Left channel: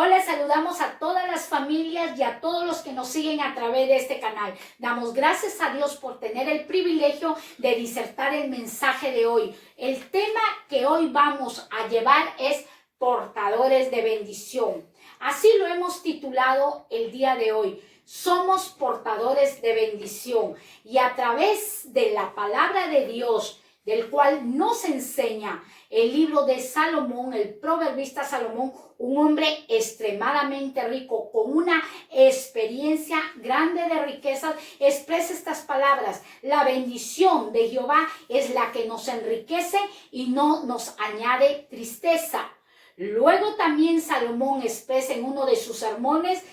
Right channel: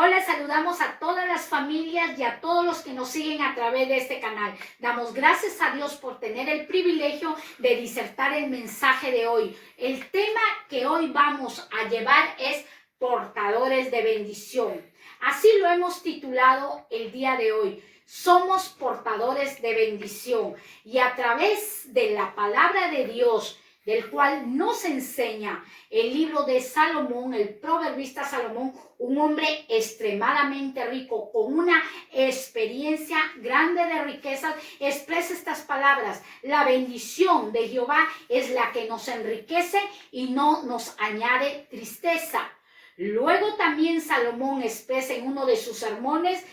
Hola, saludamos a todas las familias y a todos los que nos siguen a través de este canal. Damos gracias a Dios por tener el privilegio de disertar el mensaje de hoy. El tema que hoy vamos a llevar es portadores de bendición. Así lo hemos titulado el día de hoy. Somos portadores de bendición y a través de la palabra de Dios, del cual nos enseña el libro de Salomón, el proverbista Salomón, un hombre extremadamente rico, con una experiencia grande de riquezas, expresa estas palabras: la bendición de Jehová es la que nos enriquece y no nos añade tristeza. Luego también Salomón expresa en uno de sus sermones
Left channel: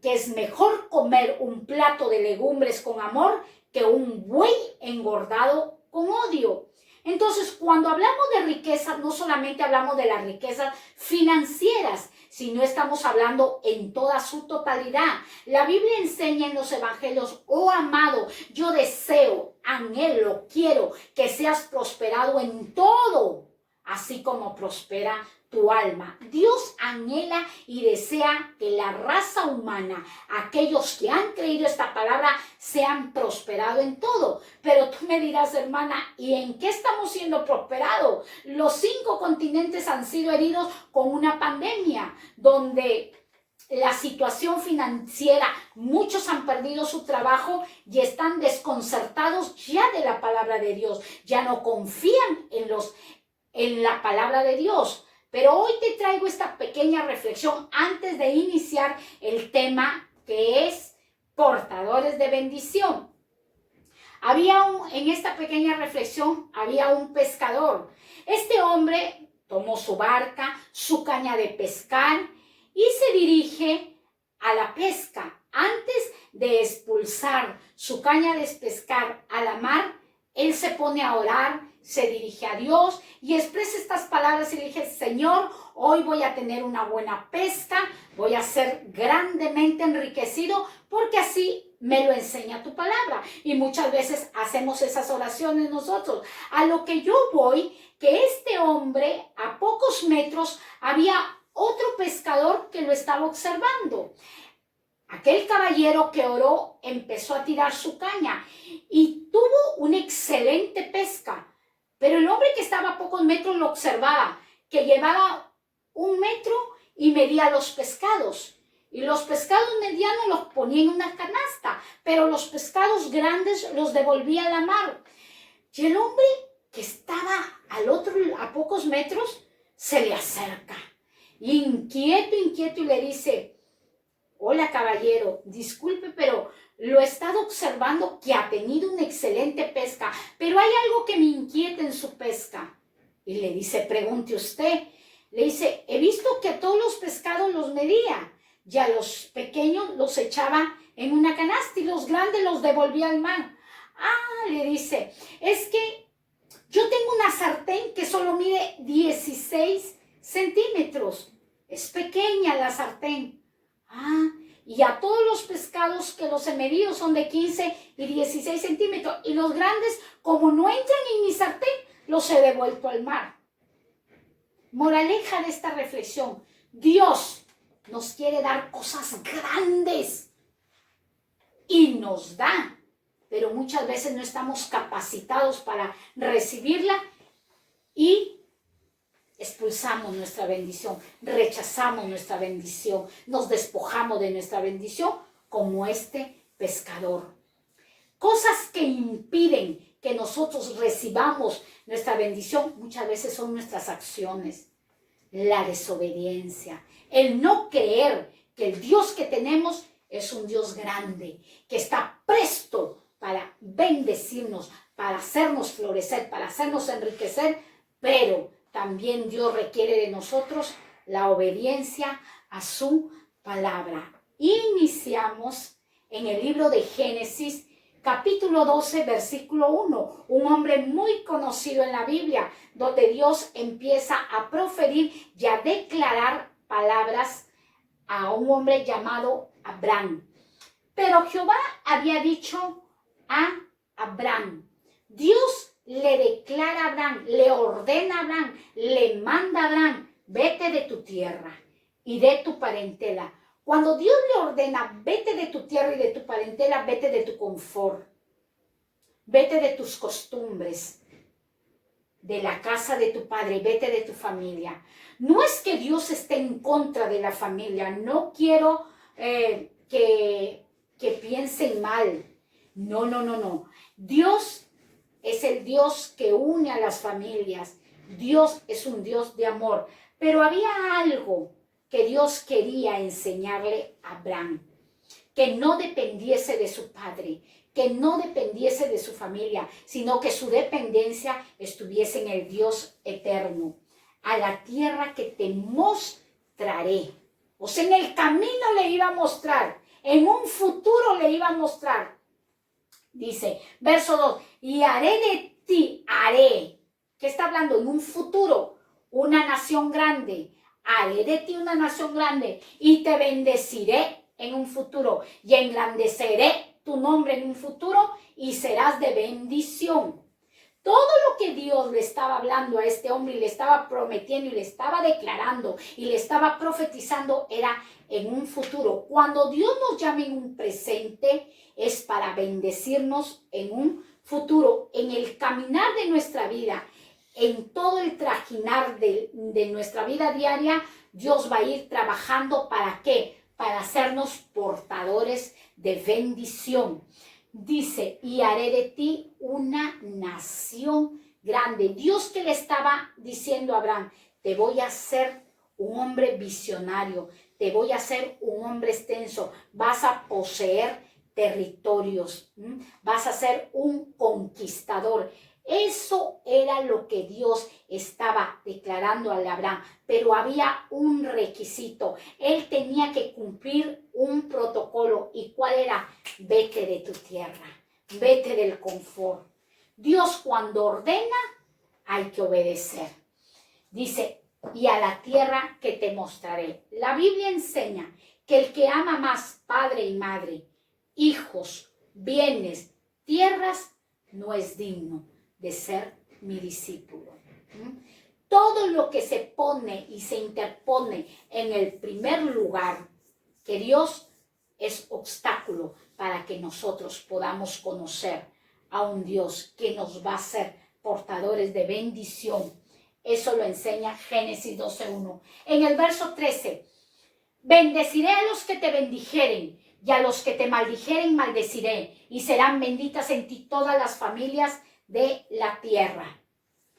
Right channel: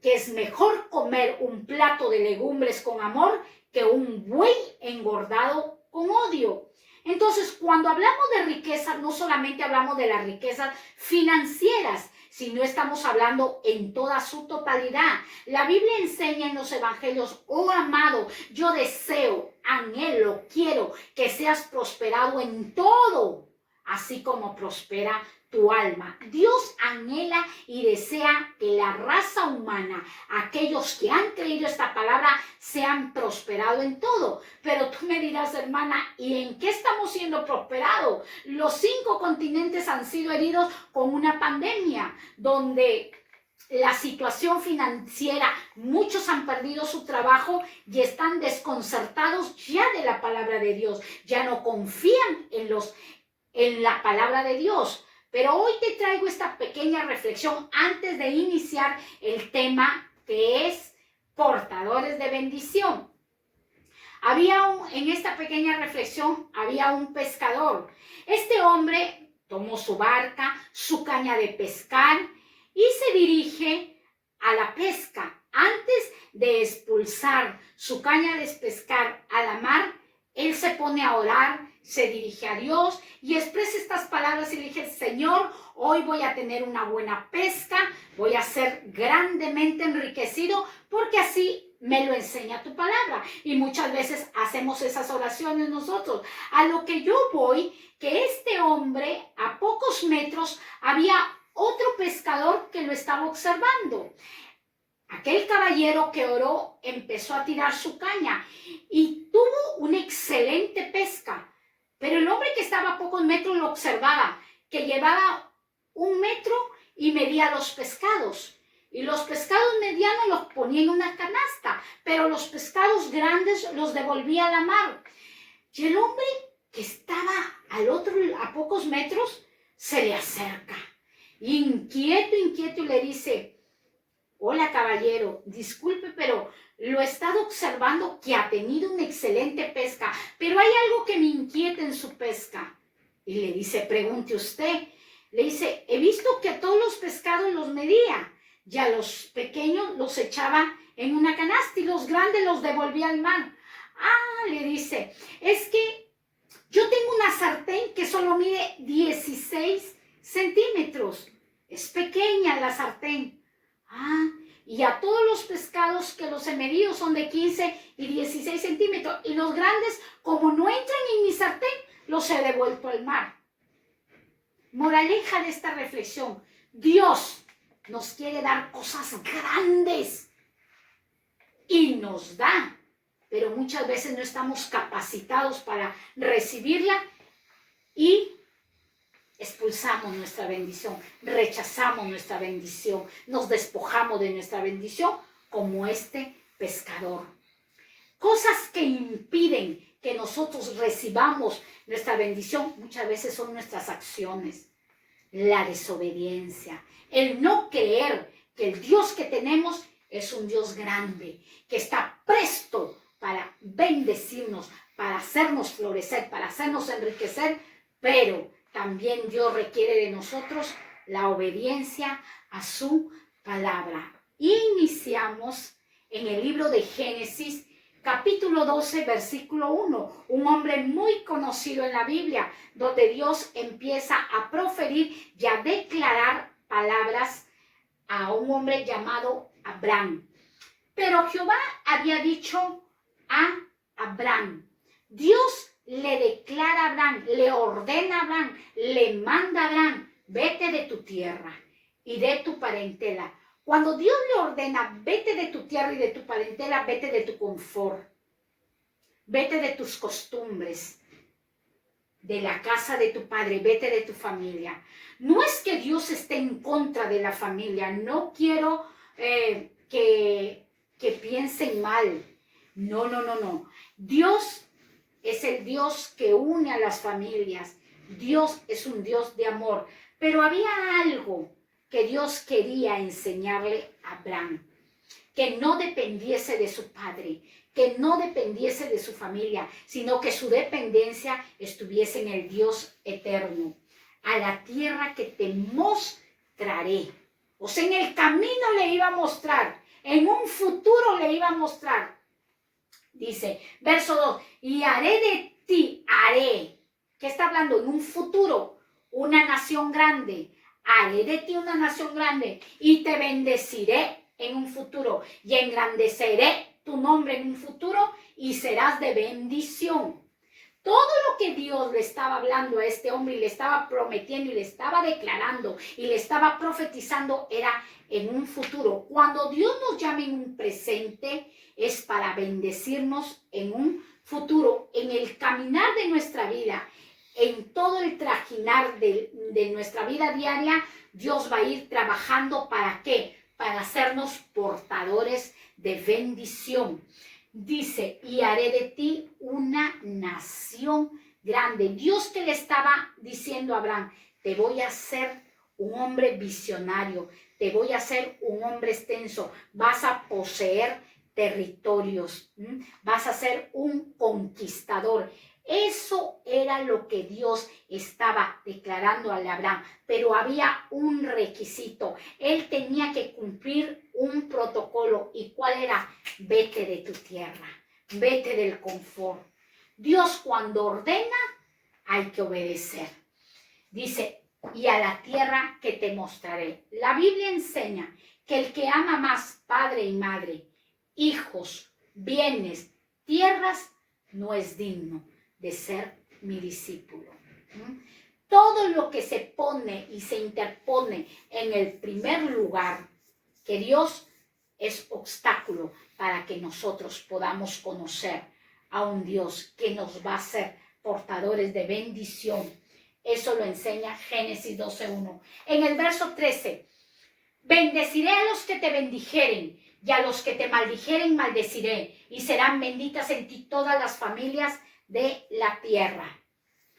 que es mejor comer un plato de legumbres con amor que un buey engordado con odio. Entonces, cuando hablamos de riqueza, no solamente hablamos de las riquezas financieras, sino estamos hablando en toda su totalidad. La Biblia enseña en los evangelios: oh amado, yo deseo, anhelo, quiero que seas prosperado en todo, así como prospera tu alma. Dios anhela y desea que la raza humana, aquellos que han creído esta palabra, sean prosperados en todo. Pero tú me dirás, hermana, ¿y en qué estamos siendo prosperados? Los 5 continentes han sido heridos con una pandemia, donde la situación financiera, muchos han perdido su trabajo y están desconcertados ya de la palabra de Dios, ya no confían en la palabra de Dios. Pero hoy te traigo esta pequeña reflexión antes de iniciar el tema, que es portadores de bendición. En esta pequeña reflexión había un pescador. Este hombre tomó su barca, su caña de pescar y se dirige a la pesca. Antes de expulsar su caña de pescar a la mar, él se pone a orar, se dirige a Dios y expresa estas palabras y dice: Señor, hoy voy a tener una buena pesca, voy a ser grandemente enriquecido, porque así me lo enseña tu palabra. Y muchas veces hacemos esas oraciones nosotros. A lo que yo voy, que este hombre, a pocos metros, había otro pescador que lo estaba observando. Aquel caballero que oró empezó a tirar su caña y tuvo una excelente pesca. Pero el hombre que estaba a pocos metros lo observaba, que llevaba 1 metro y medía los pescados. Y los pescados medianos los ponía en una canasta, pero los pescados grandes los devolvía a la mar. Y el hombre que estaba a pocos metros se le acerca, inquieto, y le dice: hola, caballero, disculpe, pero lo he estado observando que ha tenido una excelente pesca, pero hay algo que me inquieta en su pesca. Y le dice: pregunte usted. Le dice: he visto que a todos los pescados los medía, y a los pequeños los echaba en una canasta y los grandes los devolvía al mar. Ah, le dice, es que yo tengo una sartén que solo mide 16 centímetros. Es pequeña la sartén. Ah, y a todos los pescados que los he medido son de 15 y 16 centímetros. Y los grandes, como no entran en mi sartén, los he devuelto al mar. Moraleja de esta reflexión: Dios nos quiere dar cosas grandes y nos da, pero muchas veces no estamos capacitados para recibirla y expulsamos nuestra bendición, rechazamos nuestra bendición, nos despojamos de nuestra bendición como este pescador. Cosas que impiden que nosotros recibamos nuestra bendición muchas veces son nuestras acciones, la desobediencia, el no creer que el Dios que tenemos es un Dios grande, que está presto para bendecirnos, para hacernos florecer, para hacernos enriquecer, pero también Dios requiere de nosotros la obediencia a su palabra. Iniciamos en el libro de Génesis, capítulo 12, versículo 1. Un hombre muy conocido en la Biblia, donde Dios empieza a proferir y a declarar palabras a un hombre llamado Abraham. Pero Jehová había dicho a Abraham, Dios le declara a Abraham, le ordena a Abraham, le manda a Abraham: vete de tu tierra y de tu parentela. Cuando Dios le ordena, vete de tu tierra y de tu parentela, vete de tu confort, vete de tus costumbres, de la casa de tu padre, vete de tu familia. No es que Dios esté en contra de la familia, no quiero que piensen mal. No, no, no, no. Dios es el Dios que une a las familias. Dios es un Dios de amor. Pero había algo que Dios quería enseñarle a Abraham, que no dependiese de su padre, que no dependiese de su familia, sino que su dependencia estuviese en el Dios eterno. A la tierra que te mostraré. O sea, en el camino le iba a mostrar, en un futuro le iba a mostrar. Dice, verso 2, y haré de ti, haré. ¿Qué está hablando? En un futuro, una nación grande. Haré de ti una nación grande y te bendeciré en un futuro y engrandeceré tu nombre en un futuro y serás de bendición. Todo lo que Dios le estaba hablando a este hombre y le estaba prometiendo y le estaba declarando y le estaba profetizando era en un futuro. Cuando Dios nos llama en un presente es para bendecirnos en un futuro, en el caminar de nuestra vida, en todo el trajinar de nuestra vida diaria. Dios va a ir trabajando ¿para qué? Para hacernos portadores de bendición. Dice, y haré de ti una nación grande. Dios que le estaba diciendo a Abraham, te voy a hacer un hombre visionario, te voy a hacer un hombre extenso, vas a poseer territorios, vas a ser un conquistador. Eso era lo que Dios estaba declarando a Abraham, pero había un requisito. Él tenía que cumplir un protocolo. ¿Y cuál era? Vete de tu tierra, vete del confort. Dios cuando ordena, hay que obedecer. Dice, y a la tierra que te mostraré. La Biblia enseña que el que ama más padre y madre, hijos, bienes, tierras, no es digno de ser mi discípulo. Todo lo que se pone y se interpone en el primer lugar, que Dios es obstáculo para que nosotros podamos conocer a un Dios que nos va a hacer portadores de bendición. Eso lo enseña Génesis 12:1. En el verso 13, bendeciré a los que te bendijeren y a los que te maldijeren maldeciré, y serán benditas en ti todas las familias de la tierra.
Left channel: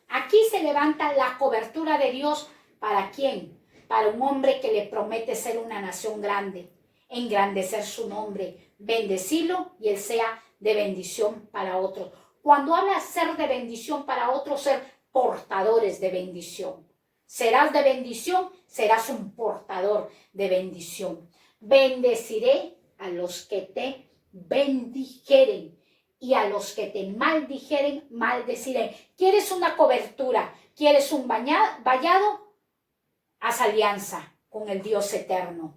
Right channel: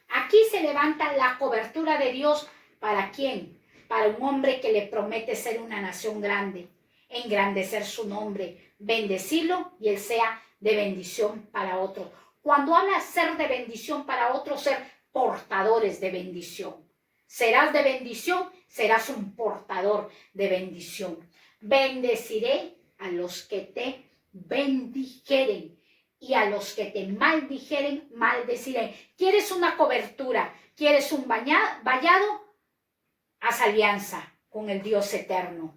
Aquí se levanta la cobertura de Dios. ¿Para quién? Para un hombre que le promete ser una nación grande, engrandecer su nombre, bendecirlo y él sea de bendición para otro. Cuando habla ser de bendición para otro, ser portadores de bendición. Serás de bendición, serás un portador de bendición. Bendeciré a los que te bendijeren y a los que te maldijeren, maldeciré. ¿Quieres una cobertura? ¿Quieres un vallado? Haz alianza con el Dios eterno.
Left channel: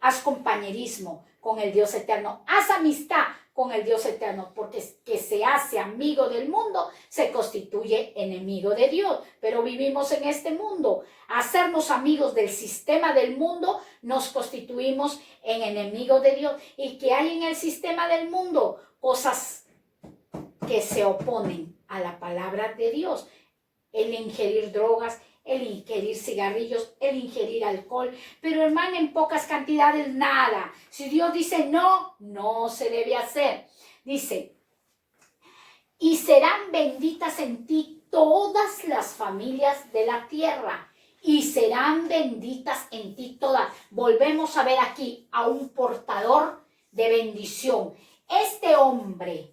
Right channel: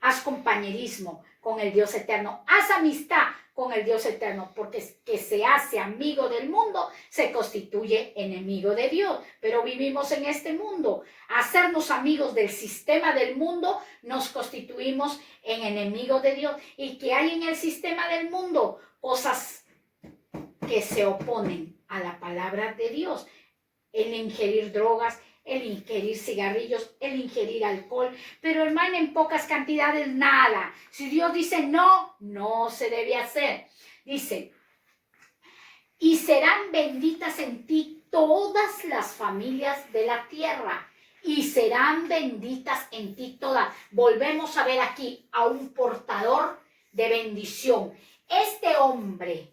Haz compañerismo con el Dios eterno. Haz amistad con el Dios eterno, porque que se hace amigo del mundo se constituye enemigo de Dios. Pero vivimos en este mundo. Hacernos amigos del sistema del mundo nos constituimos en enemigos de Dios. ¿Y qué hay en el sistema del mundo? Cosas que se oponen a la palabra de Dios. El ingerir drogas, el ingerir cigarrillos, el ingerir alcohol. Pero hermano, en pocas cantidades nada. Si Dios dice no, no se debe hacer. Dice, y serán benditas en ti todas las familias de la tierra. Y serán benditas en ti todas. Volvemos a ver aquí a un portador de bendición. Este hombre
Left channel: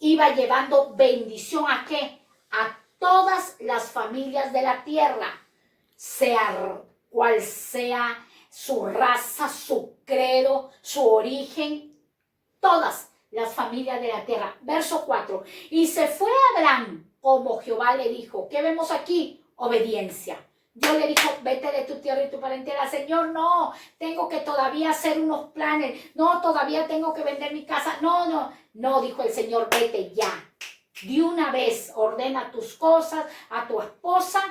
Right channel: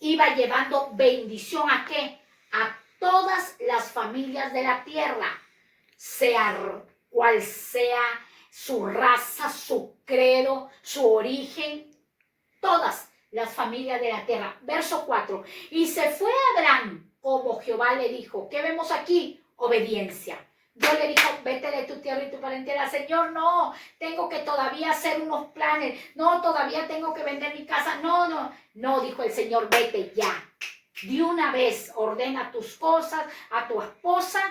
iba llevando bendición ¿a qué? A todas las familias de la tierra, sea cual sea su raza, su credo, su origen, todas las familias de la tierra. Verso 4, y se fue Abraham como Jehová le dijo. ¿Qué vemos aquí? Obediencia. Dios le dijo, vete de tu tierra y tu parentela. Señor, no, tengo que todavía hacer unos planes. No, todavía tengo que vender mi casa. No, dijo el Señor, vete ya. De una vez ordena tus cosas a tu esposa,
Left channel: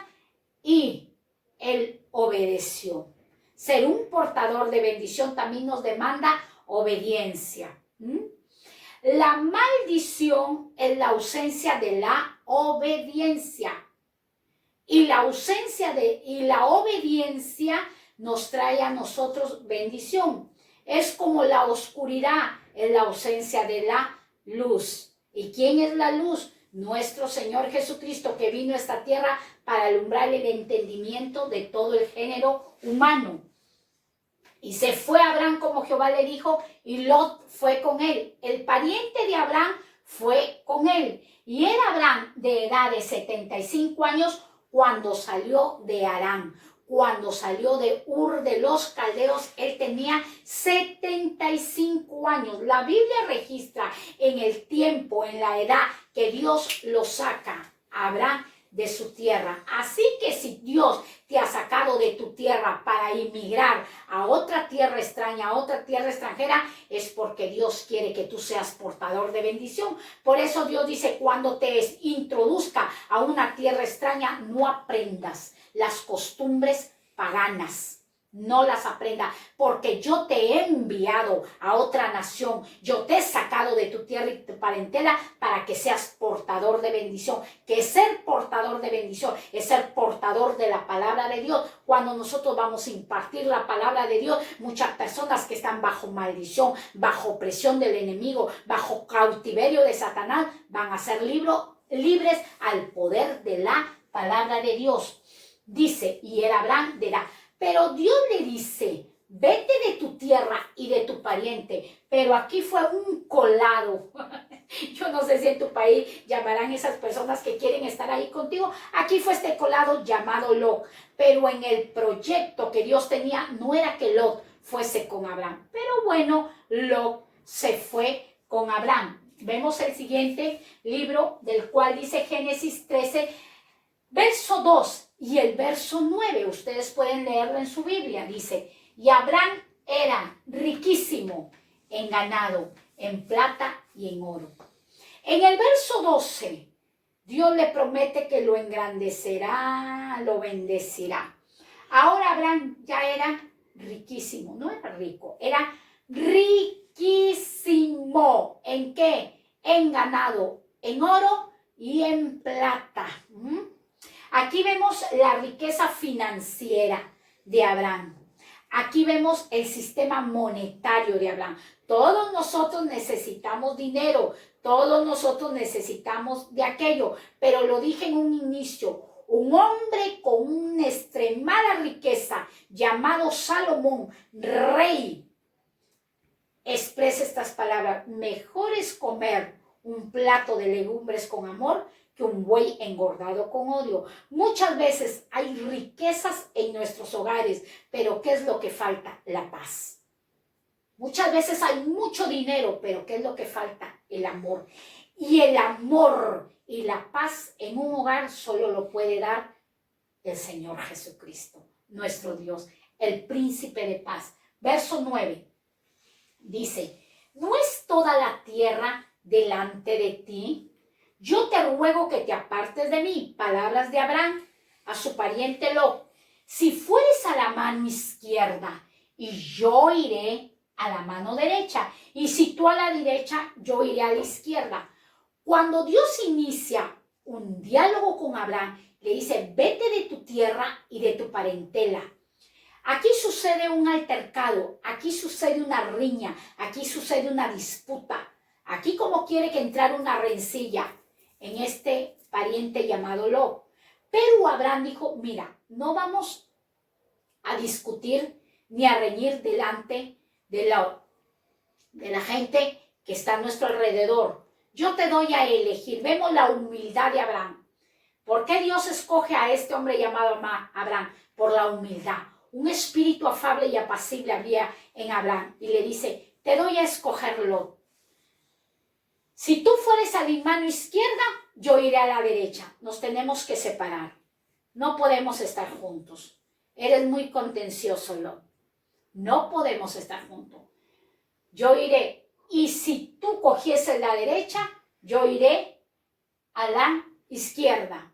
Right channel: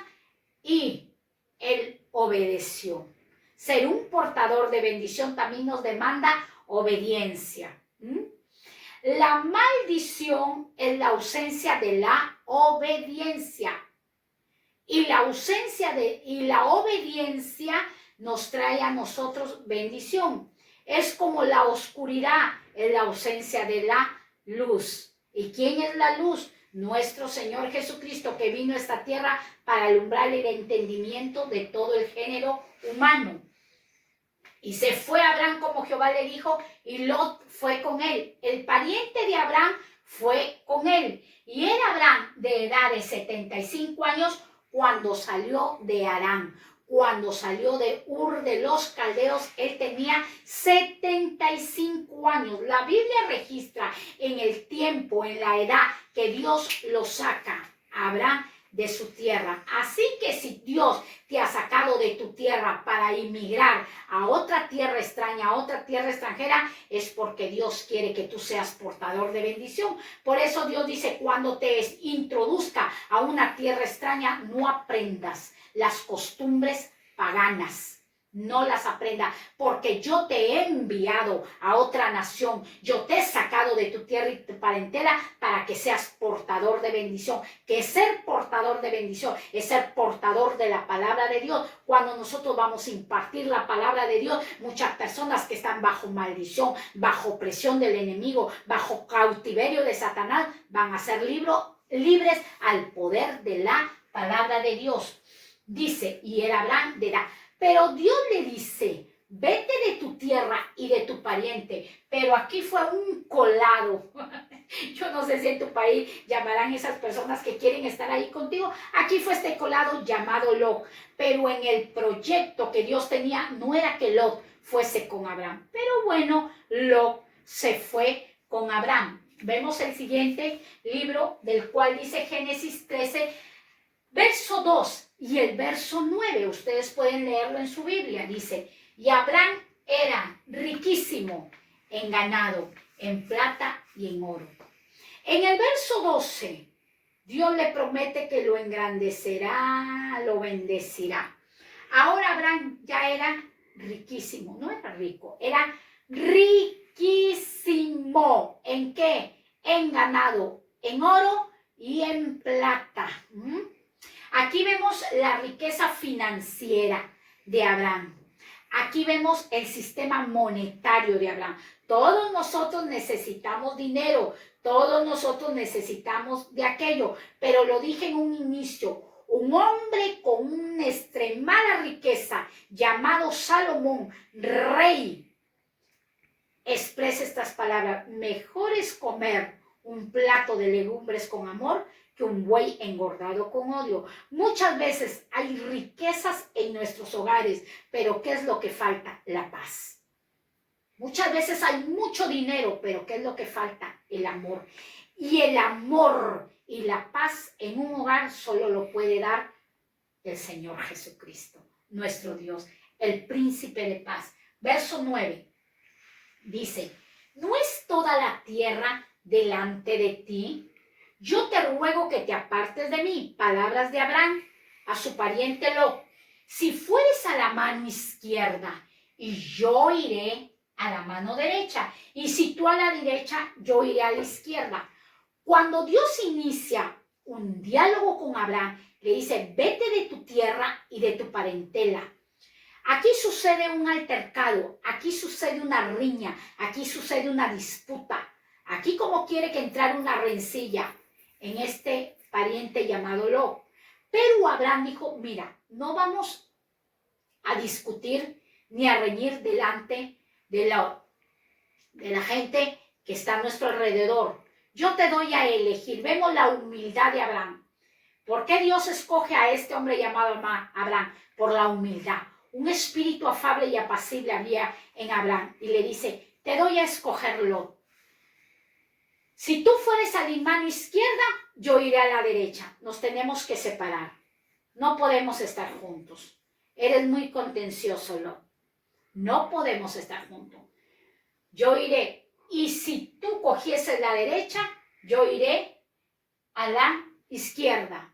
y él obedeció. ser un portador de bendición también nos demanda obediencia. La maldición es la ausencia de la obediencia. Y la obediencia nos trae a nosotros bendición. Es como la oscuridad, es la ausencia de la luz. ¿Y quién es la luz? Nuestro Señor Jesucristo, que vino a esta tierra para alumbrar el entendimiento de todo el género humano. Y se fue Abraham como Jehová le dijo, y Lot fue con él. El pariente de Abraham fue con él. Y era Abraham de edad de 75 años cuando salió de Harán. Cuando salió de Ur de los Caldeos, él tenía 75 años. La Biblia registra en el tiempo, en la edad que Dios lo saca a Abraham de su tierra. Así que si Dios te ha sacado de tu tierra para emigrar a otra tierra extraña, a otra tierra extranjera, es porque Dios quiere que tú seas portador de bendición. Por eso Dios dice, cuando te introduzca a una tierra extraña, no aprendas las costumbres paganas. No las aprenda, porque yo te he enviado a otra nación, yo te he sacado de tu tierra y tu parentela para que seas portador de bendición. Que ser portador de bendición es ser portador de la palabra de Dios. Cuando nosotros vamos a impartir la palabra de Dios, muchas personas que están bajo maldición, bajo presión del enemigo, bajo cautiverio de Satanás, van a ser libres al poder de la palabra de Dios. Dice, y era Abraham de edad. Pero Dios le dice, vete de tu tierra y de tu pariente. Pero aquí fue un colado. Yo no sé si en tu país llamarán esas personas que quieren estar ahí contigo. Aquí fue este colado llamado Lot. Pero en el proyecto que Dios tenía no era que Lot fuese con Abraham. Pero bueno, Lot se fue con Abraham. Vemos el siguiente libro del cual dice Génesis 13, verso 2 y el verso 9, ustedes pueden leerlo en su Biblia, dice, y Abraham era riquísimo en ganado, en plata y en oro. En el verso 12, Dios le promete que lo engrandecerá, lo bendecirá. Ahora Abraham ya era riquísimo, no era rico, era riquísimo. ¿En qué? En ganado, en oro y en plata. Aquí vemos la riqueza financiera de Abraham. Aquí vemos el sistema monetario de Abraham. Todos nosotros necesitamos dinero, todos nosotros necesitamos de aquello, pero lo dije en un inicio, un hombre con una extremada riqueza llamado Salomón, rey, expresa estas palabras: mejor es comer un plato de legumbres con amor que un buey engordado con odio. Muchas veces hay riquezas en nuestros hogares, pero ¿qué es lo que falta? La paz. Muchas veces hay mucho dinero, pero ¿qué es lo que falta? El amor. Y el amor y la paz en un hogar solo lo puede dar el Señor Jesucristo, nuestro Dios, el príncipe de paz. Verso 9 dice, ¿no es toda la tierra delante de ti? Yo te ruego que te apartes de mí. Palabras de Abraham a su pariente Lot. Si fueres a la mano izquierda, y yo iré a la mano derecha. Y si tú a la derecha, yo iré a la izquierda. Cuando Dios inicia un diálogo con Abraham, le dice, vete de tu tierra y de tu parentela. Aquí sucede un altercado, aquí sucede una riña, aquí sucede una disputa. Aquí como quiere que entrara una rencilla en este pariente llamado Lot. Pero Abraham dijo, mira, no vamos a discutir ni a reñir delante de la gente que está a nuestro alrededor. Yo te doy a elegir. Vemos la humildad de Abraham. ¿Por qué Dios escoge a este hombre llamado Abraham? Por la humildad. Un espíritu afable y apacible había en Abraham. Y le dice, te doy a escogerlo. Si tú fueres a mi mano izquierda, yo iré a la derecha. Nos tenemos que separar. No podemos estar juntos. Eres muy contencioso, Lot. No podemos estar juntos. Yo iré. Y si tú cogieses la derecha, yo iré a la izquierda.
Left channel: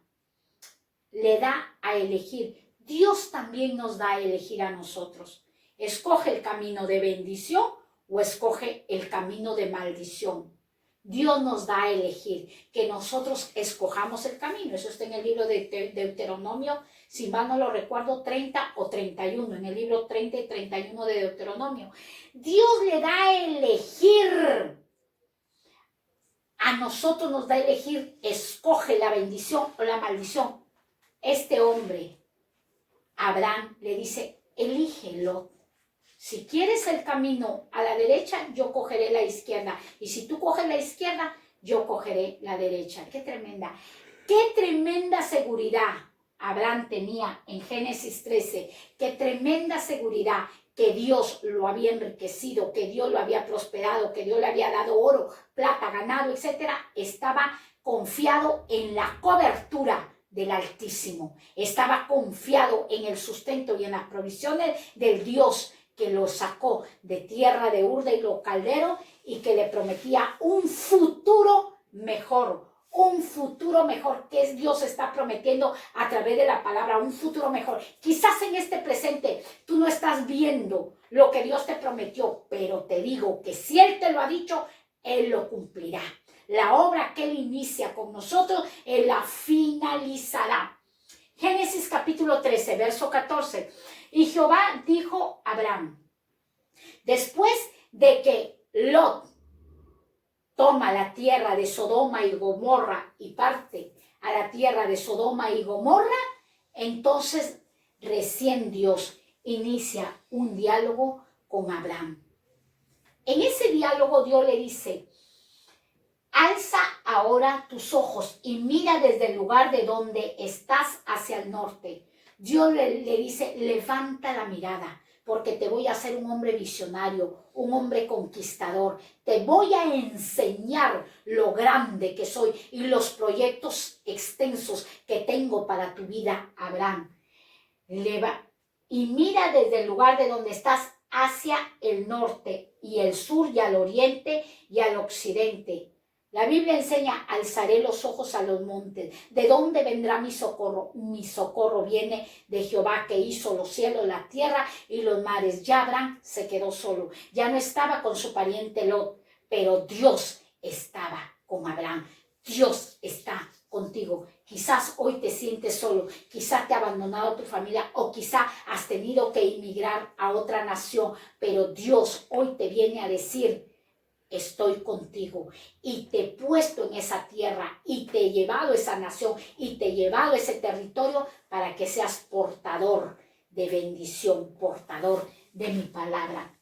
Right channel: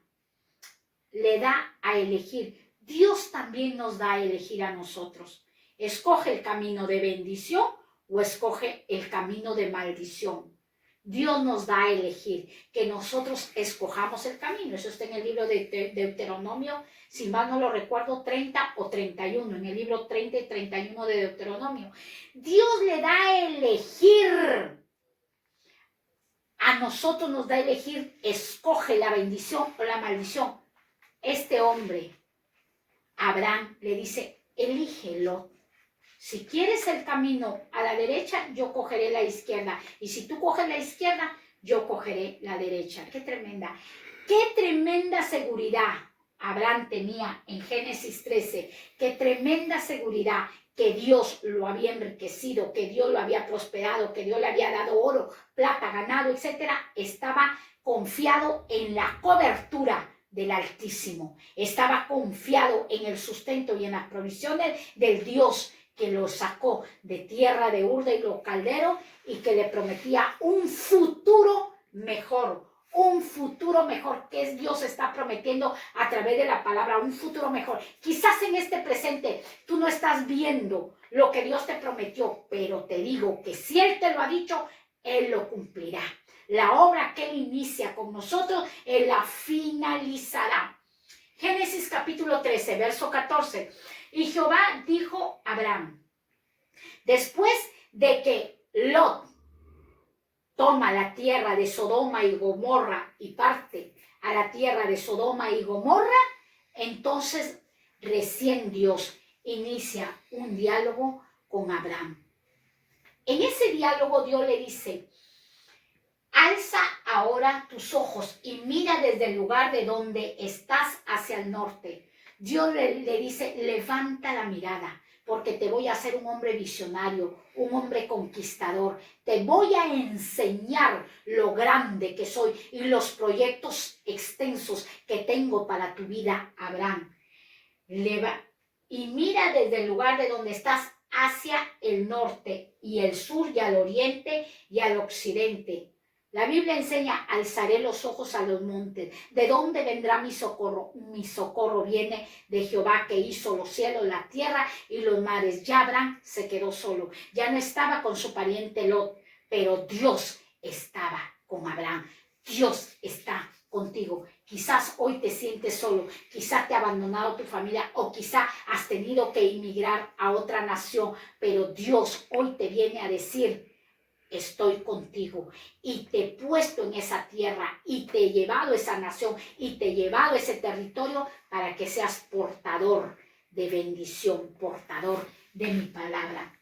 Le da a elegir. Dios también nos da a elegir a nosotros. Escoge el camino de bendición o escoge el camino de maldición. Dios nos da a elegir, que nosotros escojamos el camino. Eso está en el libro de Deuteronomio, si mal no lo recuerdo, 30 o 31, en el libro 30 y 31 de Deuteronomio. Dios le da a elegir. A nosotros nos da a elegir, escoge la bendición o la maldición. Este hombre, Abraham, le dice, elígelo. Si quieres el camino a la derecha, yo cogeré la izquierda. Y si tú coges la izquierda, yo cogeré la derecha. ¡Qué tremenda seguridad Abraham tenía en Génesis 13! ¡Qué tremenda seguridad! Que Dios lo había enriquecido, que Dios lo había prosperado, que Dios le había dado oro, plata, ganado, etc. Estaba confiado en la cobertura del Altísimo. Estaba confiado en el sustento y en las provisiones del Dios que lo sacó de tierra de Ur de los calderos y que le prometía un futuro mejor. Un futuro mejor que Dios está prometiendo a través de la palabra, un futuro mejor. Quizás en este presente tú no estás viendo lo que Dios te prometió, pero te digo que si Él te lo ha dicho, Él lo cumplirá. La obra que Él inicia con nosotros, Él la finalizará. Génesis capítulo 13, verso 14. Y Jehová dijo a Abraham, después de que Lot toma la tierra de Sodoma y Gomorra y parte a la tierra de Sodoma y Gomorra, entonces recién Dios inicia un diálogo con Abraham. En ese diálogo Dios le dice, alza ahora tus ojos y mira desde el lugar de donde estás hacia el norte. Dios le dice, levanta la mirada, porque te voy a hacer un hombre visionario, un hombre conquistador. Te voy a enseñar lo grande que soy y los proyectos extensos que tengo para tu vida, Abraham. Y mira desde el lugar de donde estás hacia el norte y el sur y al oriente y al occidente. La Biblia enseña, alzaré los ojos a los montes. ¿De dónde vendrá mi socorro? Mi socorro viene de Jehová que hizo los cielos, la tierra y los mares. Ya Abraham se quedó solo. Ya no estaba con su pariente Lot, pero Dios estaba con Abraham. Dios está contigo. Quizás hoy te sientes solo, quizás te ha abandonado tu familia o quizás has tenido que emigrar a otra nación, pero Dios hoy te viene a decir, estoy contigo y te he puesto en esa tierra y te he llevado a esa nación y te he llevado a ese territorio para que seas portador de bendición, portador de mi palabra.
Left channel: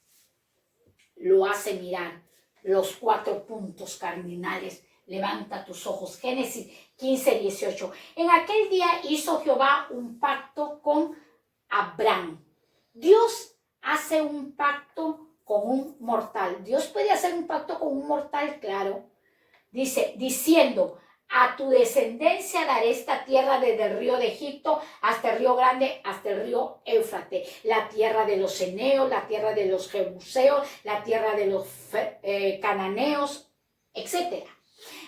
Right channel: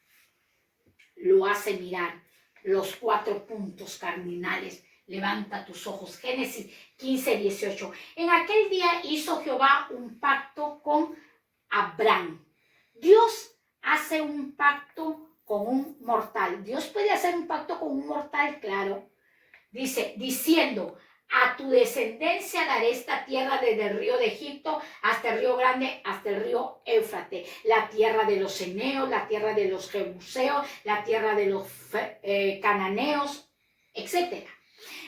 Lo hace mirar los 4 puntos cardinales. Levanta tus ojos. Génesis 15, 18. En aquel día hizo Jehová un pacto con Abraham. Dios hace un pacto con un mortal. Dios puede hacer un pacto con un mortal, claro. Dice, diciendo, a tu descendencia daré esta tierra desde el río de Egipto hasta el río Grande, hasta el río Éufrates, la tierra de los eneos, la tierra de los jebuseos, la tierra de los cananeos, etc.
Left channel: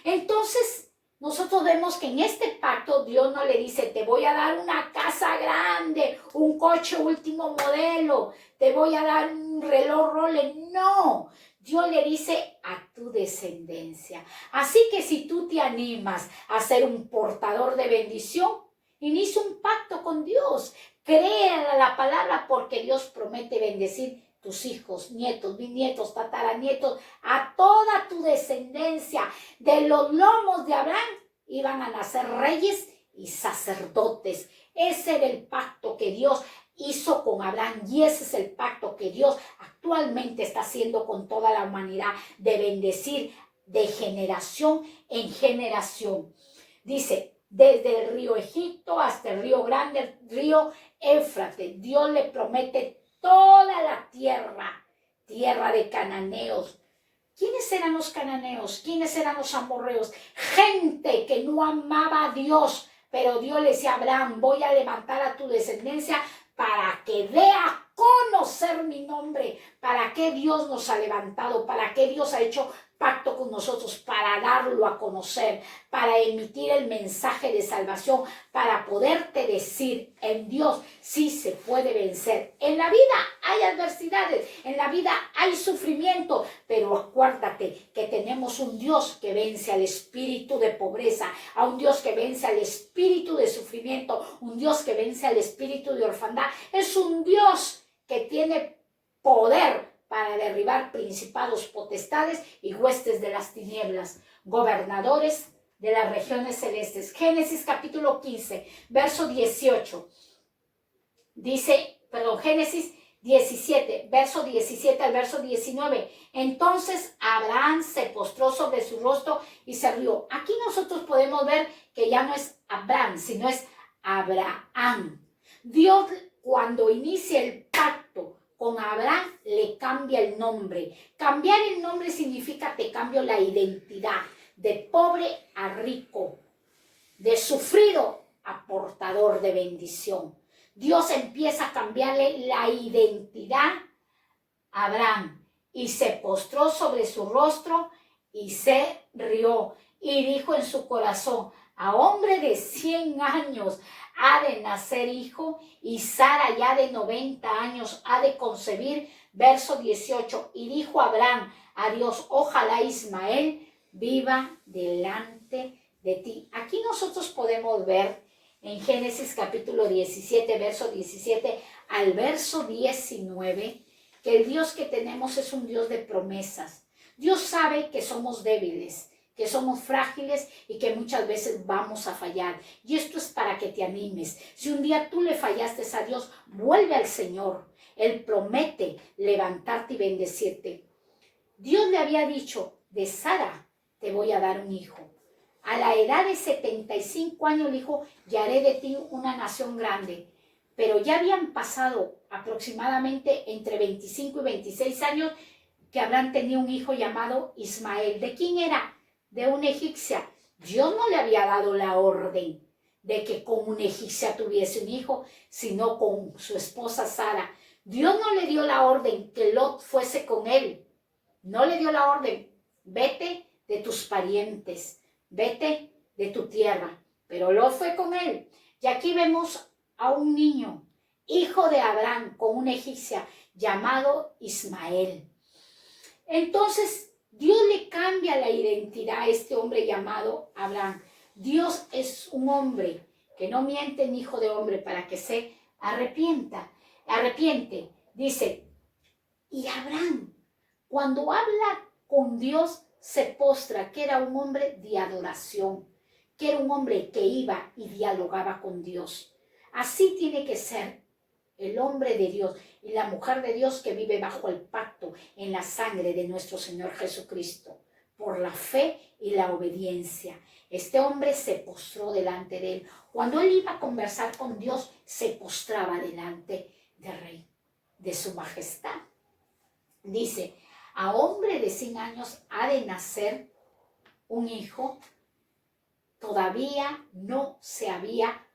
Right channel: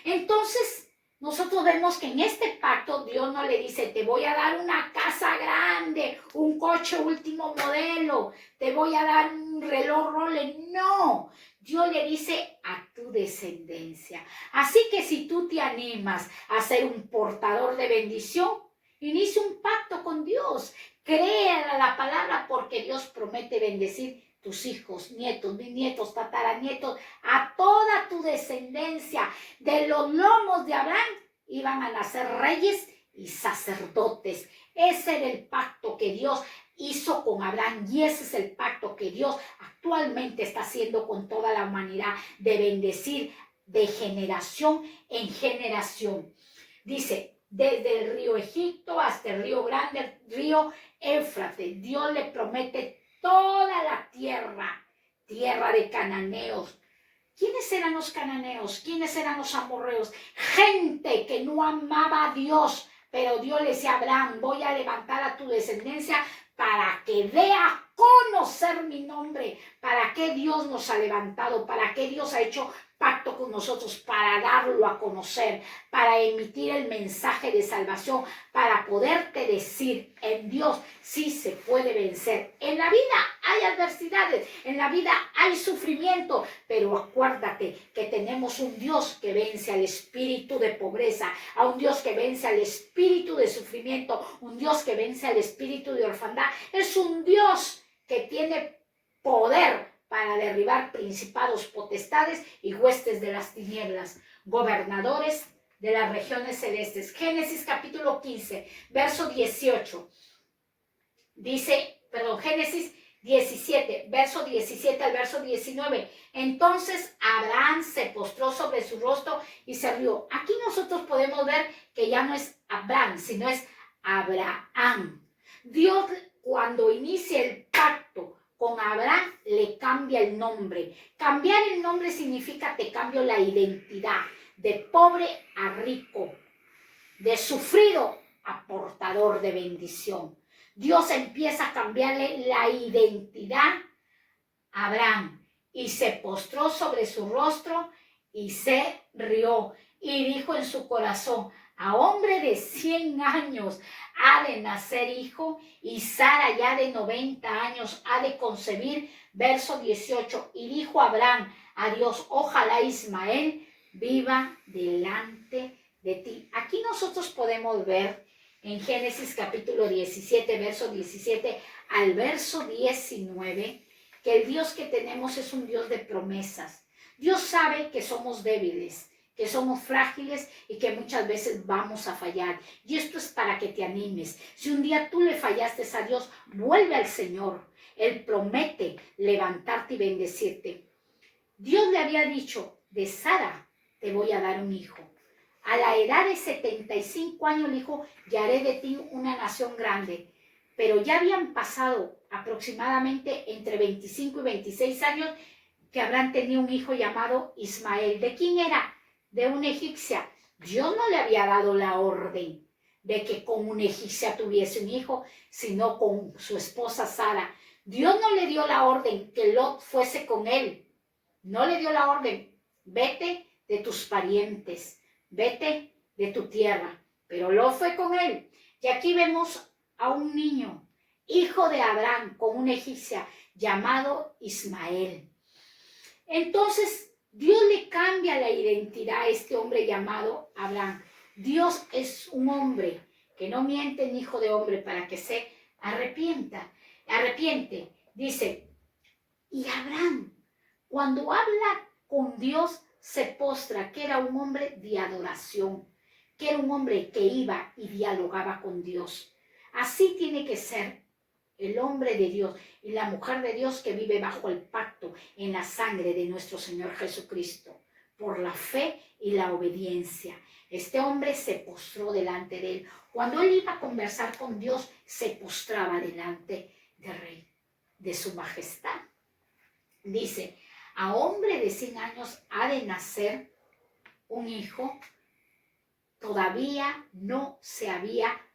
Entonces, nosotros vemos que en este pacto Dios no le dice, te voy a dar una casa grande, un coche último modelo, te voy a dar un reloj Rolex. No, Dios le dice a tu descendencia. Así que si tú te animas a ser un portador de bendición, inicia un pacto con Dios. Crea la palabra porque Dios promete bendecir tus hijos, nietos, bisnietos, tataranietos, a toda tu descendencia. De los lomos de Abraham iban a nacer reyes y sacerdotes. Ese era el pacto que Dios hizo con Abraham y ese es el pacto que Dios actualmente está haciendo con toda la humanidad, de bendecir de generación en generación. Dice, desde el río Egipto hasta el río Grande, el río Éufrates, Dios le promete toda la tierra, tierra de cananeos. ¿Quiénes eran los cananeos? ¿Quiénes eran los amorreos? Gente que no amaba a Dios, pero Dios le decía a Abraham, voy a levantar a tu descendencia para que dé a conocer conocer mi nombre. ¿Para qué Dios nos ha levantado? ¿Para qué Dios ha hecho pacto con nosotros? Para darlo a conocer, para emitir el mensaje de salvación, para poderte decir, en Dios sí se puede vencer. En la vida hay adversidades, en la vida hay sufrimiento, pero acuérdate que tenemos un Dios que vence al espíritu de pobreza, a un Dios que vence al espíritu de sufrimiento, un Dios que vence al espíritu de orfandad. Es un Dios que tiene poder para derribar principados, potestades y huestes de las tinieblas, gobernadores de las regiones celestes. Génesis capítulo 15, verso 18. Génesis 17, verso 17 al verso 19. Entonces Abraham se postró sobre su rostro y se rió. Aquí nosotros podemos ver que ya no es Abraham, sino es Abraham. Dios, cuando inicia el pacto con Abraham, le cambia el nombre. Cambiar el nombre significa te cambio la identidad, de pobre a rico, de sufrido a portador de bendición. Dios empieza a cambiarle la identidad a Abraham y se postró sobre su rostro y se rió y dijo en su corazón: a hombre de 100 años ha de nacer hijo, y Sara ya de 90 años ha de concebir. Verso 18, y dijo Abraham a Dios: ojalá Ismael viva delante de ti. Aquí nosotros podemos ver en Génesis capítulo 17, verso 17 al verso 19, que el Dios que tenemos es un Dios de promesas. Dios sabe que somos débiles, que somos frágiles y que muchas veces vamos a fallar. Y esto es para que te animes. Si un día tú le fallaste a Dios, vuelve al Señor. Él promete levantarte y bendecirte. Dios le había dicho: de Sara te voy a dar un hijo. A la edad de 75 años le dijo: y haré de ti una nación grande. Pero ya habían pasado aproximadamente entre 25 y 26 años que Abraham tenía un hijo llamado Ismael. ¿De quién era? De una egipcia. Dios no le había dado la orden de que con una egipcia tuviese un hijo, sino con su esposa Sara. Dios no le dio la orden que Lot fuese con él. No le dio la orden: vete de tus parientes, vete de tu tierra. Pero Lot fue con él. Y aquí vemos a un niño, hijo de Abraham, con una egipcia, llamado Ismael. Entonces Dios le cambia la identidad a este hombre llamado Abraham. Dios es un hombre que no miente ni hijo de hombre para que se arrepiente. Dice: y Abraham, cuando habla con Dios, se postra, que era un hombre de adoración, que era un hombre que iba y dialogaba con Dios. Así tiene que ser el hombre de Dios y la mujer de Dios que vive bajo el pacto en la sangre de nuestro Señor Jesucristo, por la fe y la obediencia. Este hombre se postró delante de él. Cuando él iba a conversar con Dios, se postraba delante del Rey, de su majestad. Dice: a hombre de 100 años ha de nacer un hijo. Todavía no se había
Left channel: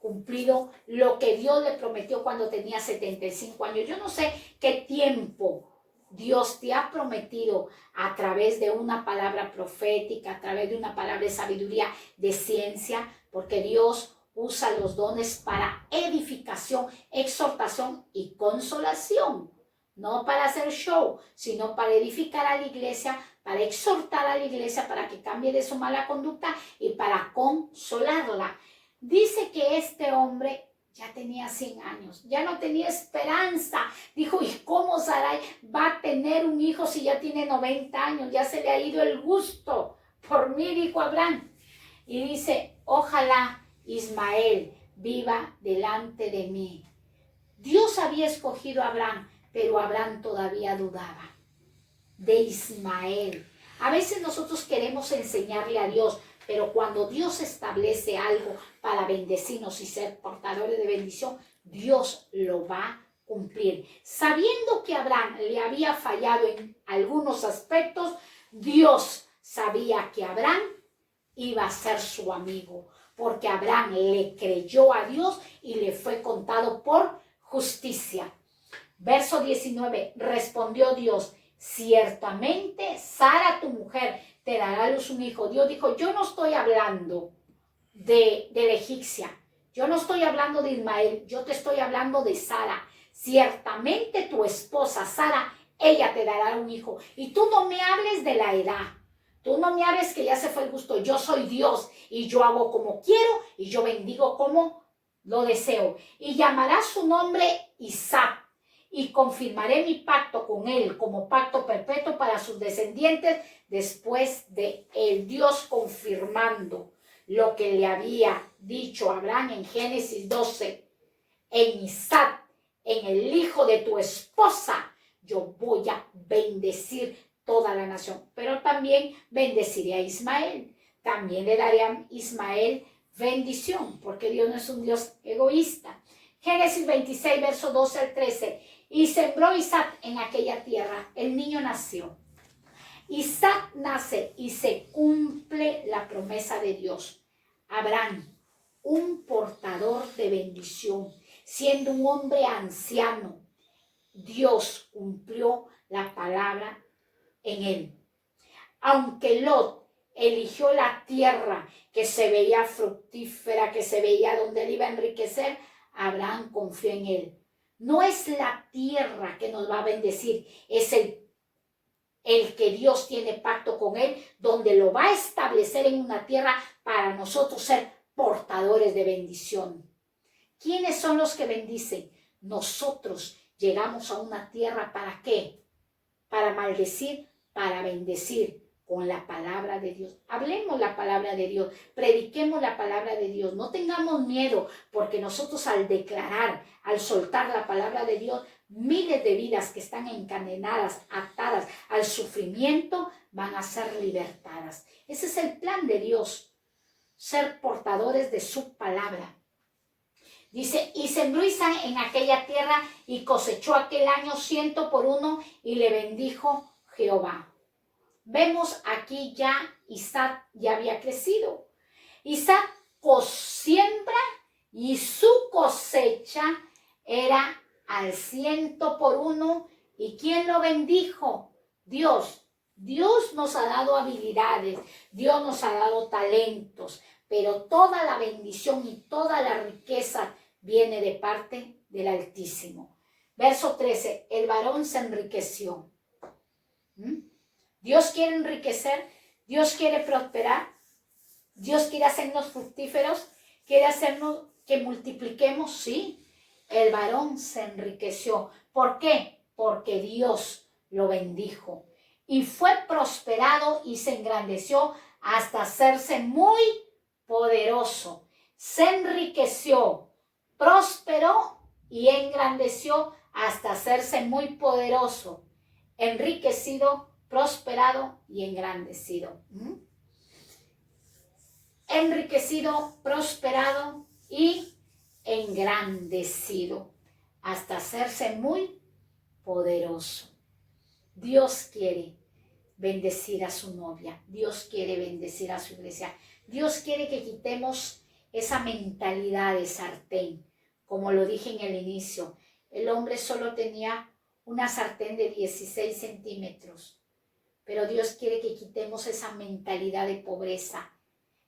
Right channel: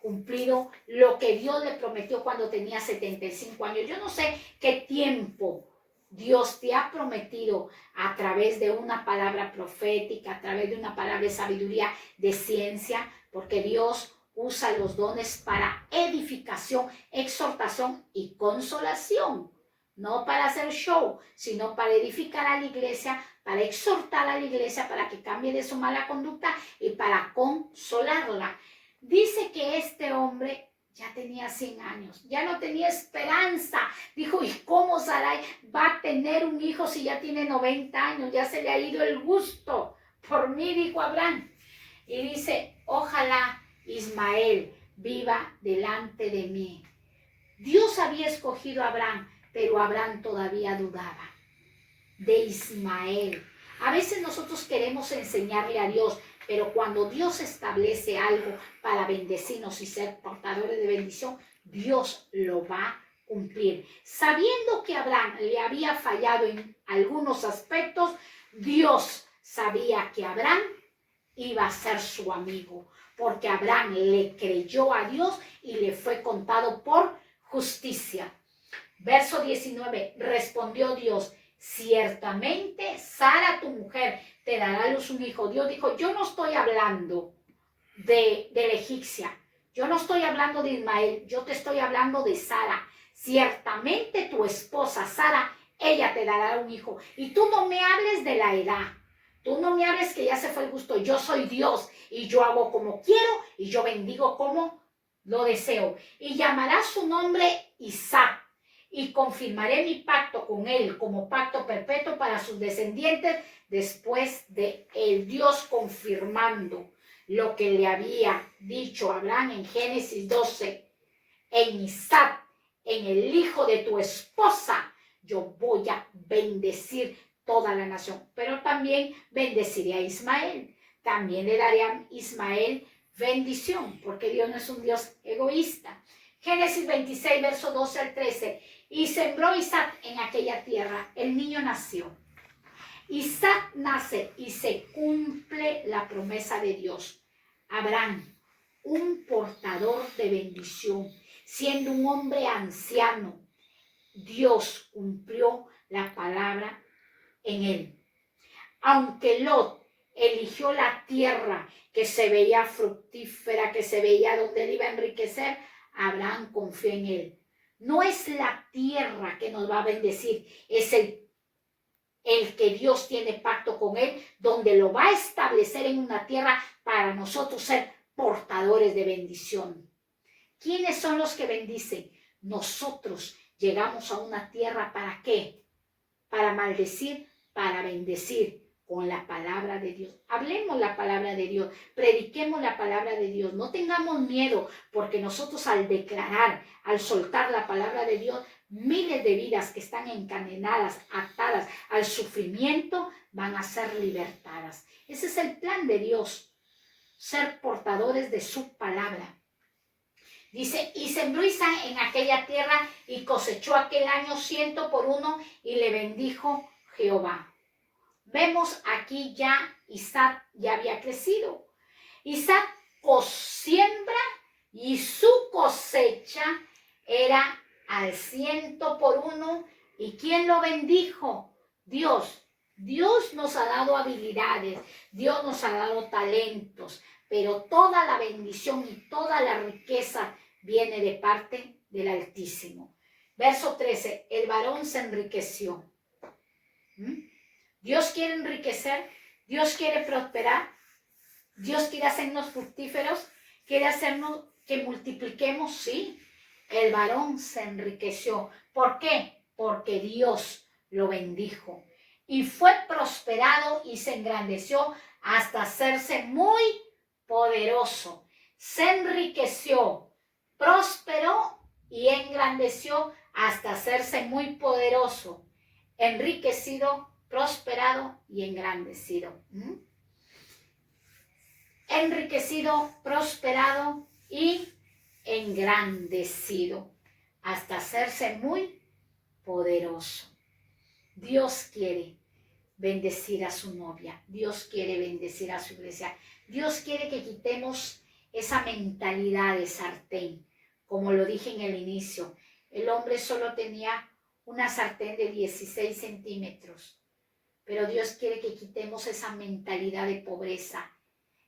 cumplido lo que Dios le prometió cuando tenía 75 años. Yo no sé qué tiempo Dios te ha prometido a través de una palabra profética, a través de una palabra de sabiduría, de ciencia, porque Dios usa los dones para edificación, exhortación y consolación. No para hacer show, sino para edificar a la iglesia, para exhortar a la iglesia para que cambie de su mala conducta y para consolarla. Dice que este hombre ya tenía 100 años, ya no tenía esperanza. Dijo: ¿y cómo Sarai va a tener un hijo si ya tiene 90 años? Ya se le ha ido el gusto por mí, dijo Abraham. Y dice: ojalá Ismael viva delante de mí. Dios había escogido a Abraham, pero Abraham todavía dudaba de Ismael. A veces nosotros queremos enseñarle a Dios, pero cuando Dios establece algo para bendecirnos y ser portadores de bendición, Dios lo va a cumplir. Sabiendo que Abraham le había fallado en algunos aspectos, Dios sabía que Abraham iba a ser su amigo, porque Abraham le creyó a Dios y le fue contado por justicia. Verso 19, respondió Dios, ciertamente Sara, tu mujer, te dará a luz un hijo. Dios dijo, yo no estoy hablando de la egipcia, yo no estoy hablando de Ismael, yo te estoy hablando de Sara. Ciertamente tu esposa Sara, ella te dará un hijo. Y tú no me hables de la edad, tú no me hables que ya se fue el gusto. Yo soy Dios y yo hago como quiero y yo bendigo como lo deseo. Y llamará su nombre Isaac. Y confirmaré mi pacto con él como pacto perpetuo para sus descendientes después de el Dios confirmando lo que le había dicho a Abraham en Génesis 12. En Isaac, en el hijo de tu esposa, yo voy a bendecir toda la nación. Pero también bendeciré a Ismael. También le daré a Ismael bendición, porque Dios no es un Dios egoísta. Génesis 26, verso 12 al 13. Y sembró Isaac en aquella tierra. El niño nació. Isaac nace y se cumple la promesa de Dios. Abraham, un portador de bendición, siendo un hombre anciano, Dios cumplió la palabra en él. Aunque Lot eligió la tierra que se veía fructífera, que se veía donde él iba a enriquecer, Abraham confió en él. No es la tierra que nos va a bendecir, es el que Dios tiene pacto con él, donde lo va a establecer en una tierra para nosotros ser portadores de bendición. ¿Quiénes son los que bendicen? Nosotros llegamos a una tierra, ¿para qué? Para maldecir, para bendecir con la palabra de Dios. Hablemos la palabra de Dios, prediquemos la palabra de Dios, no tengamos miedo, porque nosotros al declarar, al soltar la palabra de Dios, miles de vidas que están encadenadas, atadas al sufrimiento, van a ser libertadas. Ese es el plan de Dios, ser portadores de su palabra. Dice, y sembró Isaac en aquella tierra y cosechó aquel año 100 por 1 y le bendijo Jehová. Vemos aquí ya Isaac ya había crecido. Isaac siembra y su cosecha era al 100 por 1. ¿Y quién lo bendijo? Dios. Dios nos ha dado habilidades, Dios nos ha dado talentos, pero toda la bendición y toda la riqueza viene de parte del Altísimo. Verso 13, el varón se enriqueció. Dios quiere enriquecer, Dios quiere prosperar, Dios quiere hacernos fructíferos, quiere hacernos que multipliquemos, sí. El varón se enriqueció. ¿Por qué? Porque Dios lo bendijo. Y fue prosperado y se engrandeció hasta hacerse muy poderoso. Se enriqueció, prosperó y engrandeció hasta hacerse muy poderoso. Enriquecido, prosperado y engrandecido. Enriquecido, prosperado y engrandecido hasta hacerse muy poderoso. Dios quiere bendecir a su novia. Dios quiere bendecir a su iglesia. Dios quiere que quitemos esa mentalidad de sartén. Como lo dije en el inicio, el hombre solo tenía una sartén de 16 centímetros. Pero Dios quiere que quitemos esa mentalidad de pobreza,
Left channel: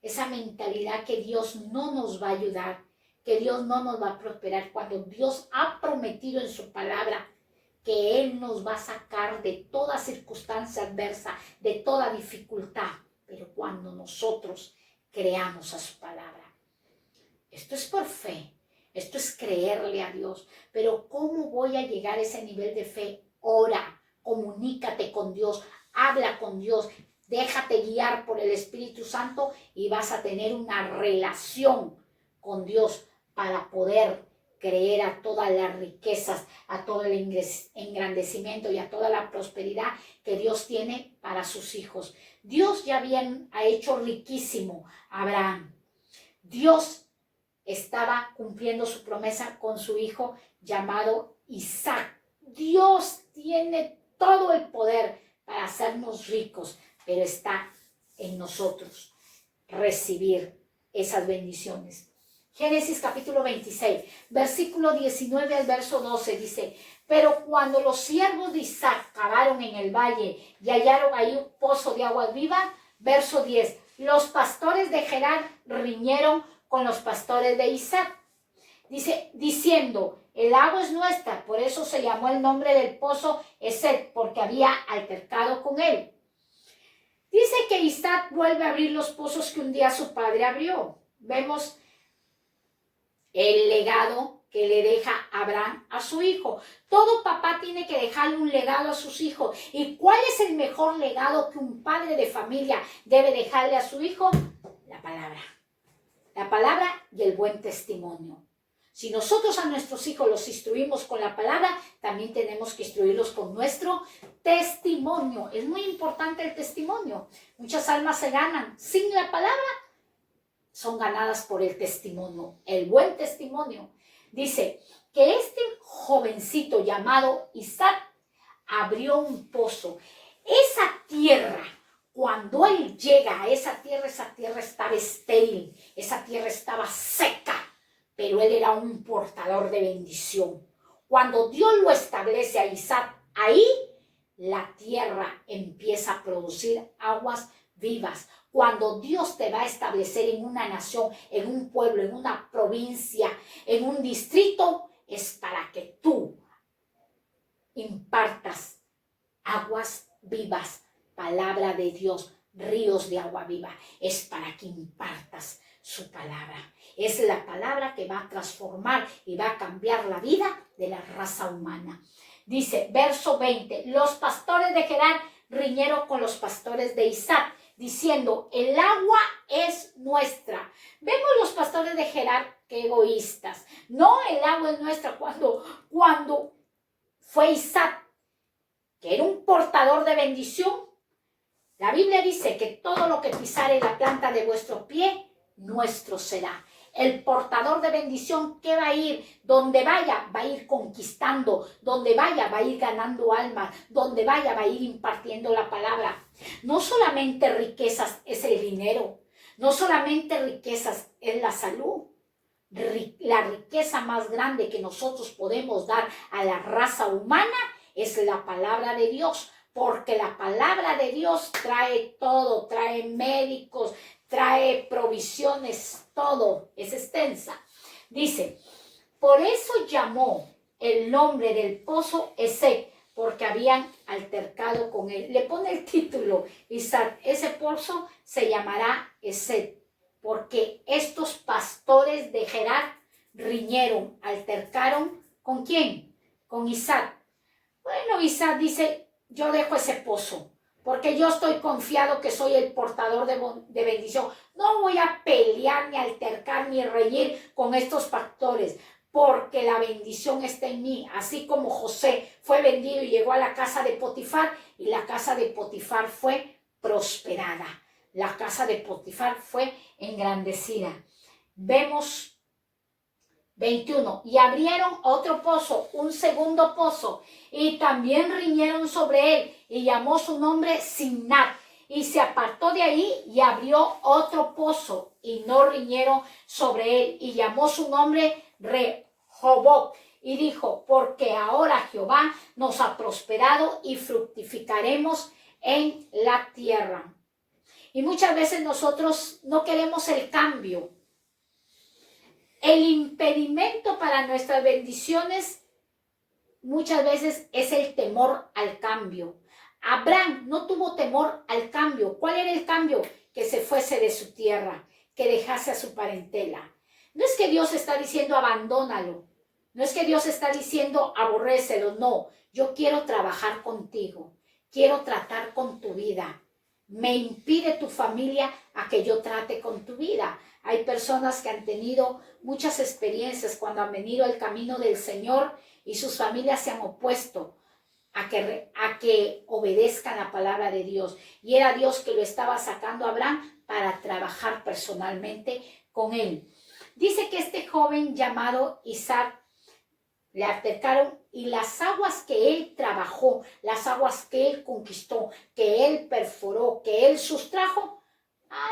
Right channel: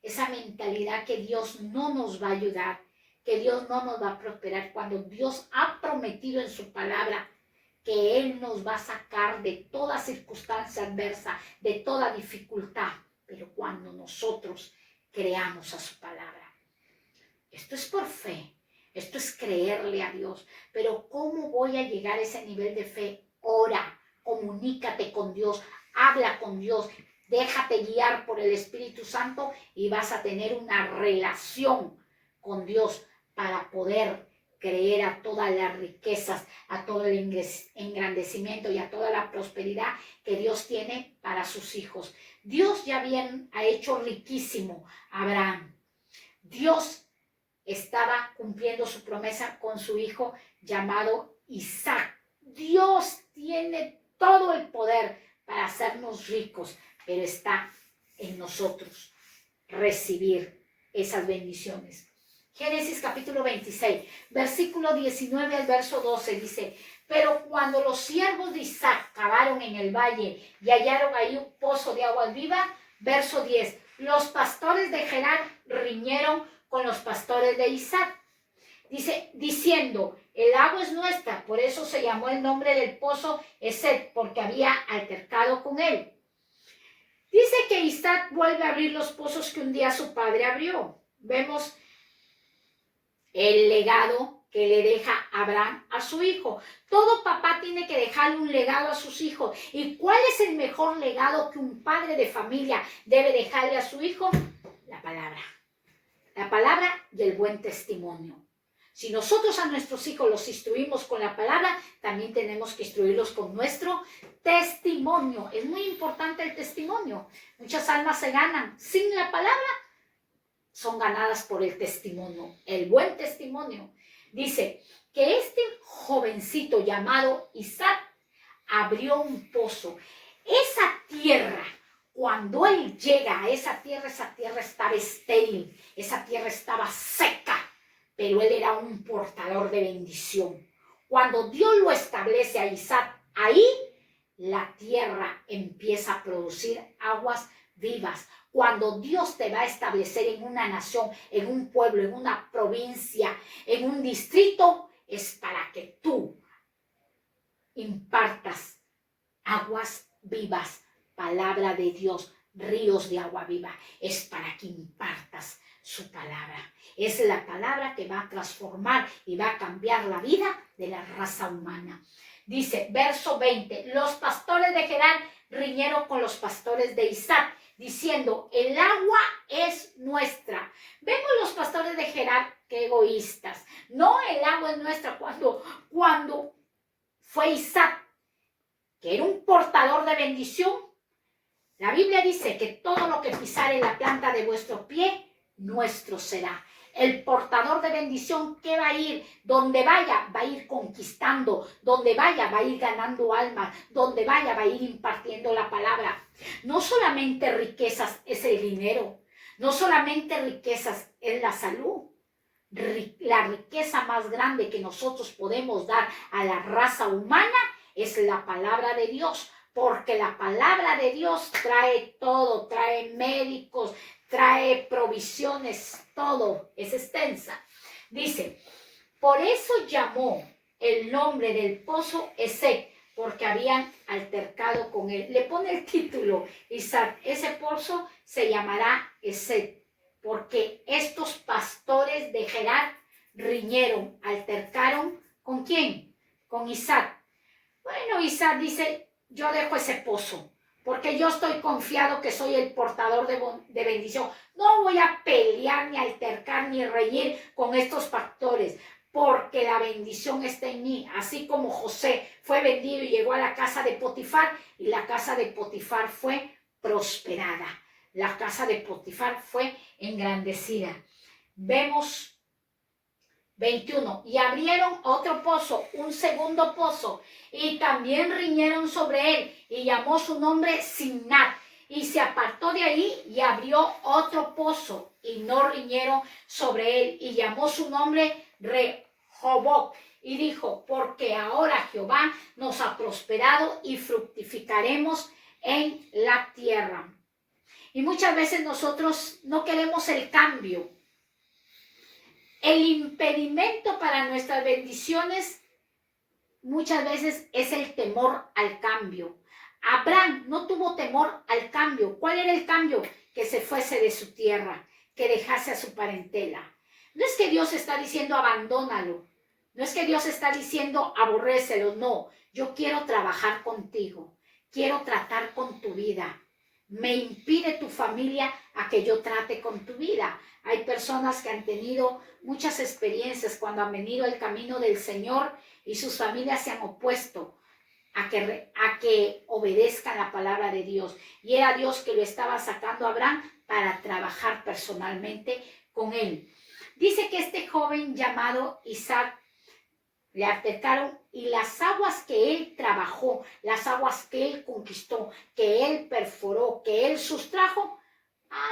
esa mentalidad que Dios no nos va a ayudar, que Dios no nos va a prosperar, cuando Dios ha prometido en su palabra que Él nos va a sacar de toda circunstancia adversa, de toda dificultad, pero cuando nosotros creamos a su palabra. Esto es por fe, esto es creerle a Dios, pero ¿cómo voy a llegar a ese nivel de fe? Ora, comunícate con Dios, habla con Dios, déjate guiar por el Espíritu Santo y vas a tener una relación con Dios para poder creer a todas las riquezas, a todo el engrandecimiento y a toda la prosperidad que Dios tiene para sus hijos. Dios ya ha hecho riquísimo a Abraham. Dios estaba cumpliendo su promesa con su hijo llamado Isaac. Dios tiene todo el poder para hacernos ricos, pero está en nosotros recibir esas bendiciones. Génesis capítulo 26, versículo 19 al verso 12 dice, Pero cuando los siervos de Isaac cavaron en el valle y hallaron ahí un pozo de agua viva, verso 10, los pastores de Gerar riñeron con los pastores de Isaac, dice, diciendo, el agua es nuestra, por eso se llamó el nombre del pozo Esek, porque había altercado con él. Dice que Isaac vuelve a abrir los pozos que un día su padre abrió. Vemos el legado que le deja Abraham a su hijo. Todo papá tiene que dejarle un legado a sus hijos. ¿Y cuál es el mejor legado que un padre de familia debe dejarle a su hijo? La palabra. La palabra y el buen testimonio. Si nosotros a nuestros hijos los instruimos con la palabra, también tenemos que instruirlos con nuestro testimonio. Es muy importante el testimonio. Muchas almas se ganan sin la palabra, son ganadas por el testimonio, el buen testimonio. Dice que este jovencito llamado Isaac abrió un pozo. Esa tierra, cuando él llega a esa tierra estaba estéril, esa tierra estaba seca, pero él era un portador de bendición. Cuando Dios lo establece a Isaac, ahí la tierra empieza a producir aguas vivas. Cuando Dios te va a establecer en una nación, en un pueblo, en una provincia, en un distrito, es para que tú impartas aguas vivas, palabra de Dios, ríos de agua viva. Es para que impartas su palabra. Es la palabra que va a transformar y va a cambiar la vida de la raza humana. Dice, verso 20, los pastores de Gerar riñeron con los pastores de Isaac, diciendo, el agua es nuestra. Vemos los pastores de Gerar, qué egoístas. No, el agua es nuestra. Cuando fue Isaac, que era un portador de bendición, la Biblia dice que todo lo que pisare la planta de vuestro pie, nuestro será. El portador de bendición, ¿qué va a ir? Donde vaya, va a ir conquistando. Donde vaya, va a ir ganando almas. Donde vaya, va a ir impartiendo la palabra. No solamente riquezas es el dinero. No solamente riquezas es la salud. La riqueza más grande que nosotros podemos dar a la raza humana es la palabra de Dios. Porque la palabra de Dios trae todo, trae médicos, trae provisiones, todo, es extensa. Dice, por eso llamó el nombre del pozo Esek, porque habían altercado con él. Le pone el título, Isaac, ese pozo se llamará Esek, porque estos pastores de Gerar riñeron, altercaron, ¿con quién? Con Isaac. Bueno, Isaac dice, yo dejo ese pozo, porque yo estoy confiado que soy el portador de bendición. No voy a pelear, ni altercar, ni reñir con estos pastores, porque la bendición está en mí. Así como José fue vendido y llegó a la casa de Potifar, y la casa de Potifar fue prosperada. La casa de Potifar fue engrandecida. Vemos 21, y abrieron otro pozo, un segundo pozo, y también riñeron sobre él, y llamó su nombre Simnat, y se apartó de ahí y abrió otro pozo, y no riñeron sobre él, y llamó su nombre Rehoboth, y dijo, porque ahora Jehová nos ha prosperado y fructificaremos en la tierra. Y muchas veces nosotros no queremos el cambio. El impedimento para nuestras bendiciones muchas veces es el temor al cambio. Abraham no tuvo temor al cambio. ¿Cuál era el cambio? Que se fuese de su tierra, que dejase a su parentela. No es que Dios está diciendo abandónalo. No es que Dios está diciendo aborrécelo. No, yo quiero trabajar contigo. Quiero tratar con tu vida. Me impide tu familia a que yo trate con tu vida. Hay personas que han tenido muchas experiencias cuando han venido al camino del Señor y sus familias se han opuesto a que obedezcan la palabra de Dios. Y era Dios que lo estaba sacando a Abraham para trabajar personalmente con él. Dice que este joven llamado Isaac le altercaron y las aguas que él trabajó, las aguas que él conquistó, que él perforó, que él sustrajo,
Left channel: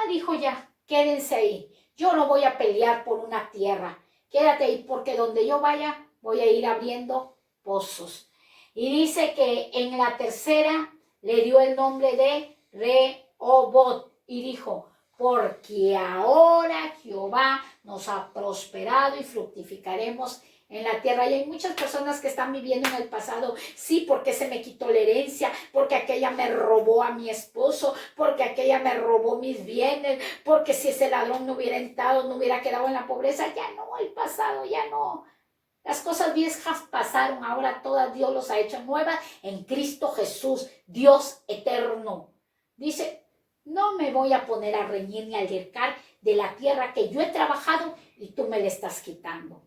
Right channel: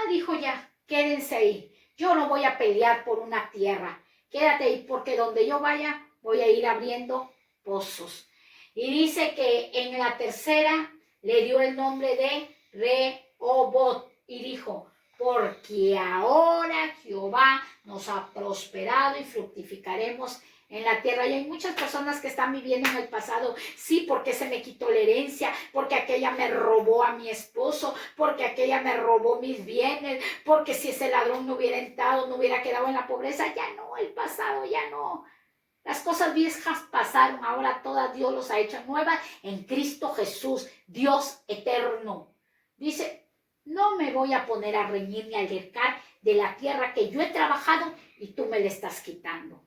dijo ya, quédense ahí. Yo no voy a pelear por una tierra. Quédate ahí porque donde yo vaya voy a ir abriendo pozos. Y dice que en la tercera le dio el nombre de Rehobot y dijo, porque ahora Jehová nos ha prosperado y fructificaremos en la tierra. Y hay muchas personas que están viviendo en el pasado, sí, porque se me quitó la herencia, porque aquella me robó a mi esposo, porque aquella me robó mis bienes, porque si ese ladrón no hubiera entrado, no hubiera quedado en la pobreza. Ya no, el pasado ya no. Las cosas viejas pasaron, ahora todas Dios los ha hecho nuevas en Cristo Jesús, Dios eterno. Dice, no me voy a poner a reñir ni a altercar de la tierra que yo he trabajado y tú me la estás quitando.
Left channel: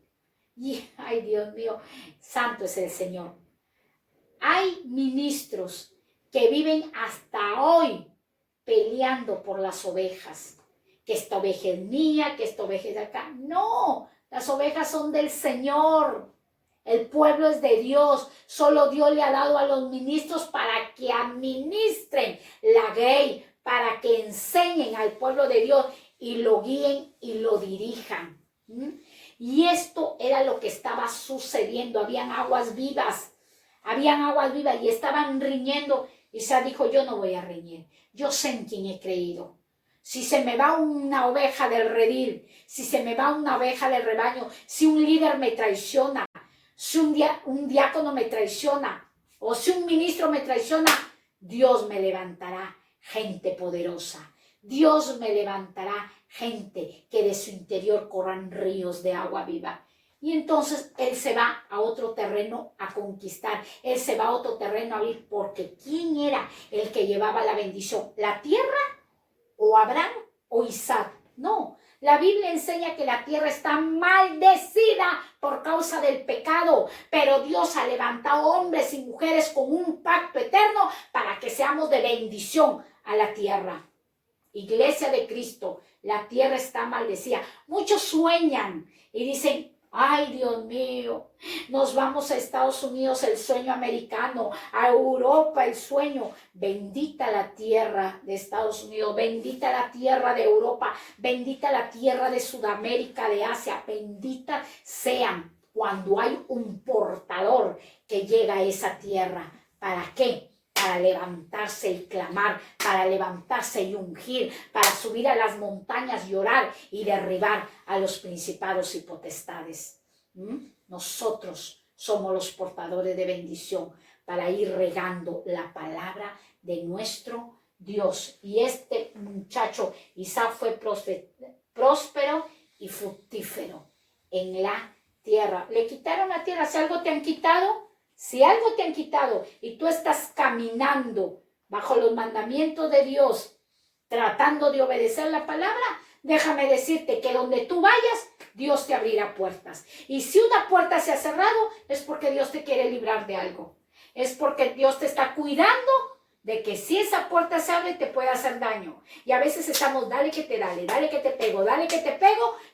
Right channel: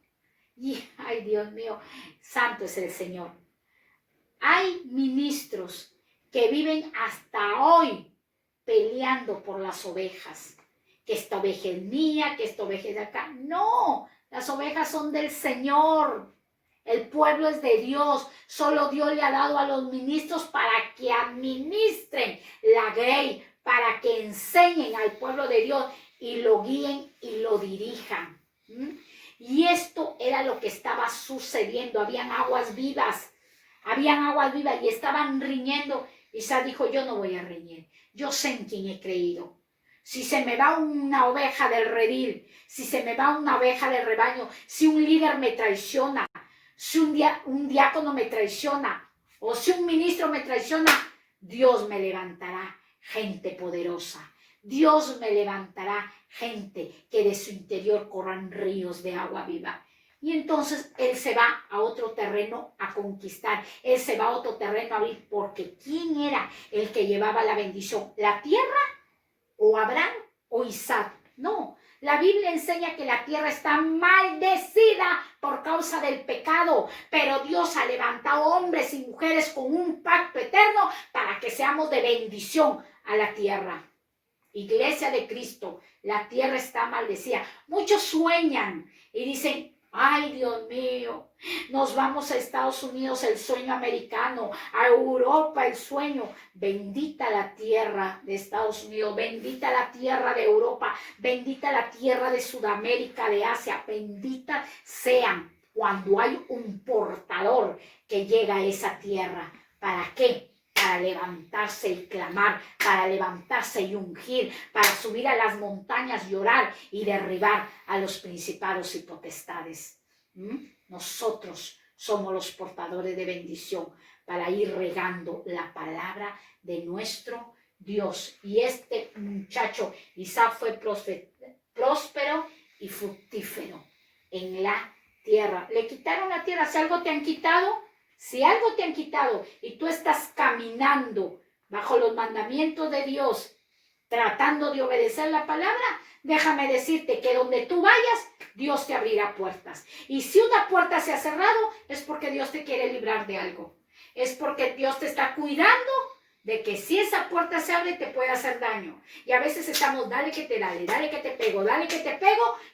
Y, ay Dios mío, santo es el Señor. Hay ministros que viven hasta hoy peleando por las ovejas. Que esta oveja es mía, que esta oveja es de acá. No, las ovejas son del Señor. El pueblo es de Dios. Solo Dios le ha dado a los ministros para que administren la grey, para que enseñen al pueblo de Dios y lo guíen y lo dirijan. Y esto era lo que estaba sucediendo. Habían aguas vivas y estaban riñendo. Isaac dijo, yo no voy a reñir. Yo sé en quién he creído. Si se me va una oveja del redil, si se me va una oveja del rebaño, si un líder me traiciona, si un diácono me traiciona o si un ministro me traiciona, Dios me levantará gente poderosa. Dios me levantará gente que de su interior corran ríos de agua viva. Y entonces él se va a otro terreno a conquistar. Él se va a otro terreno a abrir. Porque ¿quién era el que llevaba la bendición? ¿La tierra? ¿O Abraham o Isaac? No, la Biblia enseña que la tierra está maldecida por causa del pecado, pero Dios ha levantado hombres y mujeres con un pacto eterno para que seamos de bendición a la tierra. Iglesia de Cristo, la tierra está maldecida. Muchos sueñan y dicen, ay Dios mío, nos vamos a Estados Unidos, el sueño americano, a Europa, el sueño. Bendita la tierra de Estados Unidos, bendita la tierra de Europa, bendita la tierra de Sudamérica, de Asia, bendita sean cuando hay un portador que llega a esa tierra. ¿Para qué? Para levantarse y clamar, para levantarse y ungir, para subir a las montañas y orar y derribar a los principados y potestades. Nosotros somos los portadores de bendición para ir regando la palabra de nuestro Dios. Y este muchacho, Isaac, fue próspero y fructífero en la tierra. Le quitaron la tierra. Si algo te han quitado, y tú estás caminando bajo los mandamientos de Dios, tratando de obedecer la palabra, déjame decirte que donde tú vayas, Dios te abrirá puertas. Y si una puerta se ha cerrado, es porque Dios te quiere librar de algo. Es porque Dios te está cuidando de que si esa puerta se abre, te puede hacer daño. Y a veces estamos, dale que te pego,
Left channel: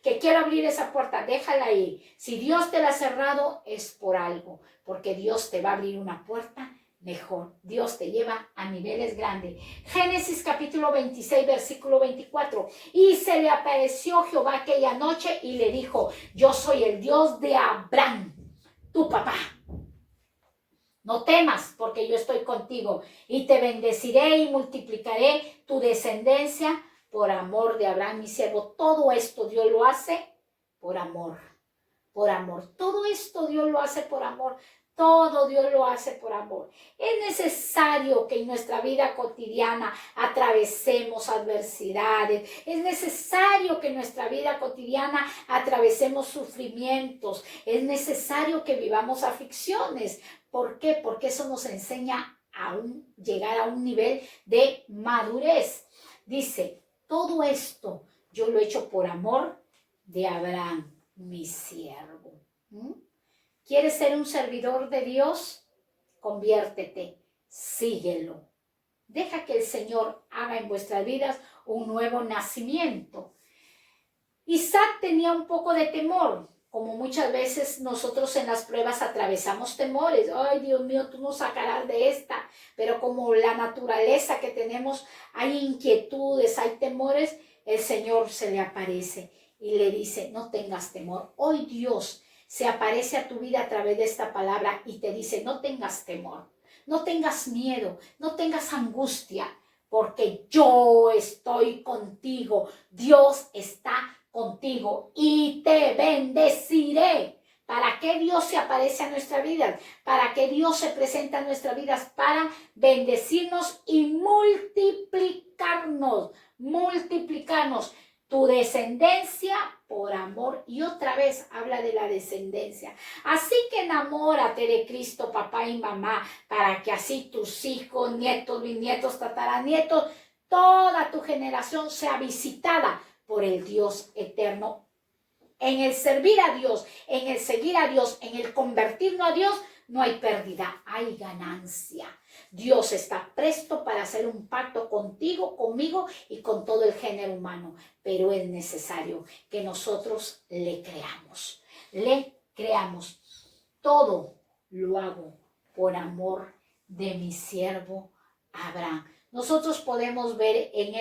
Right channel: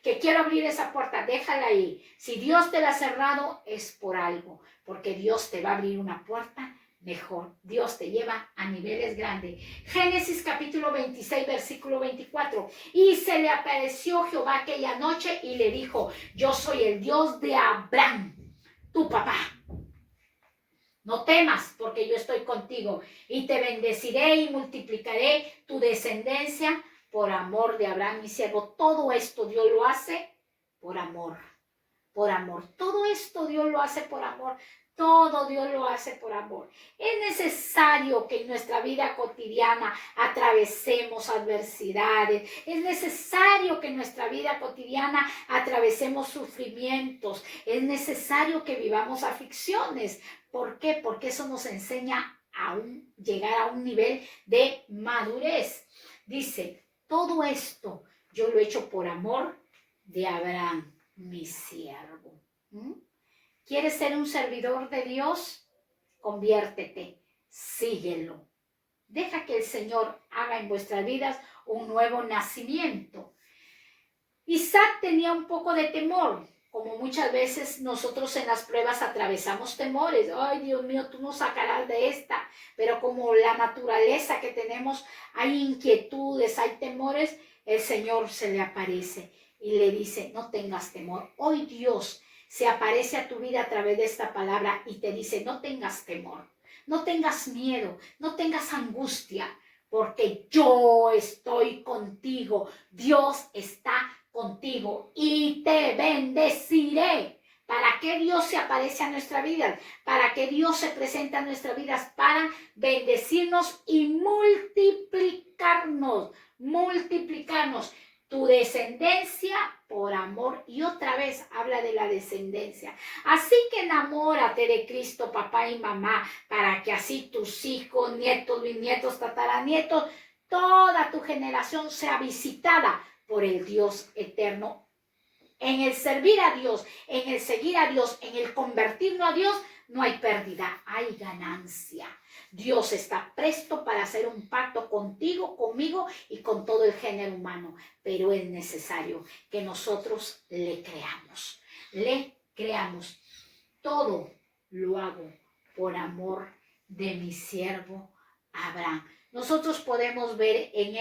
que quiero abrir esa puerta, déjala ahí. Si Dios te la ha cerrado, es por algo, porque Dios te va a abrir una puerta mejor. Dios te lleva a niveles grandes. Génesis capítulo 26, versículo 24. Y se le apareció Jehová aquella noche y le dijo, yo soy el Dios de Abraham, tu papá. No temas, porque yo estoy contigo y te bendeciré y multiplicaré tu descendencia por amor de Abraham, mi siervo. Todo esto Dios lo hace por amor, por amor. Todo esto Dios lo hace por amor. Todo Dios lo hace por amor. Es necesario que en nuestra vida cotidiana atravesemos adversidades. Es necesario que en nuestra vida cotidiana atravesemos sufrimientos. Es necesario que vivamos aflicciones. ¿Por qué? Porque eso nos enseña a llegar a un nivel de madurez. Dice, todo esto yo lo he hecho por amor de Abraham, mi siervo. ¿Quieres ser un servidor de Dios? Conviértete, síguelo. Deja que el Señor haga en vuestras vidas un nuevo nacimiento. Isaac tenía un poco de temor, como muchas veces nosotros en las pruebas atravesamos temores. Ay, Dios mío, tú nos sacarás de esta. Pero como la naturaleza que tenemos, hay inquietudes, hay temores, el Señor se le aparece y le dice, no tengas temor. Hoy Dios se aparece a tu vida a través de esta palabra y te dice, no tengas temor, no tengas miedo, no tengas angustia, porque yo estoy contigo, Dios está contigo y te bendeciré. ¿Para qué Dios se aparece a nuestra vida? ¿Para qué Dios se presenta a nuestras vidas? Para bendecirnos y multiplicarnos, multiplicarnos. Tu descendencia por amor. Y otra vez habla de la descendencia. Así que enamórate de Cristo, papá y mamá, para que así tus hijos, nietos, bisnietos, tataranietos, toda tu generación sea visitada por el Dios eterno. En el servir a Dios, en el seguir a Dios, en el convertirnos a Dios, no hay pérdida, hay ganancia. Dios está presto para hacer un pacto contigo, conmigo y con todo el género humano. Pero es necesario que nosotros le creamos. Le creamos. Todo lo hago por amor de mi siervo Abraham. Nosotros podemos ver en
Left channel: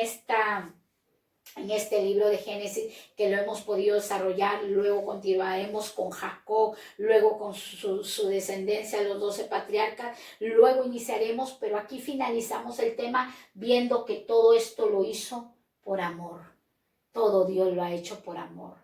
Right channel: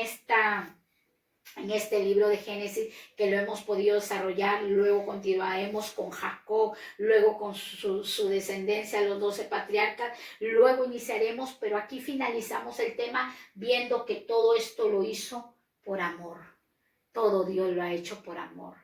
este libro de Génesis, que lo hemos podido desarrollar, luego continuaremos con Jacob, luego con su descendencia, los 12 patriarcas, luego iniciaremos, pero aquí finalizamos el tema viendo que todo esto lo hizo por amor. Todo Dios lo ha hecho por amor.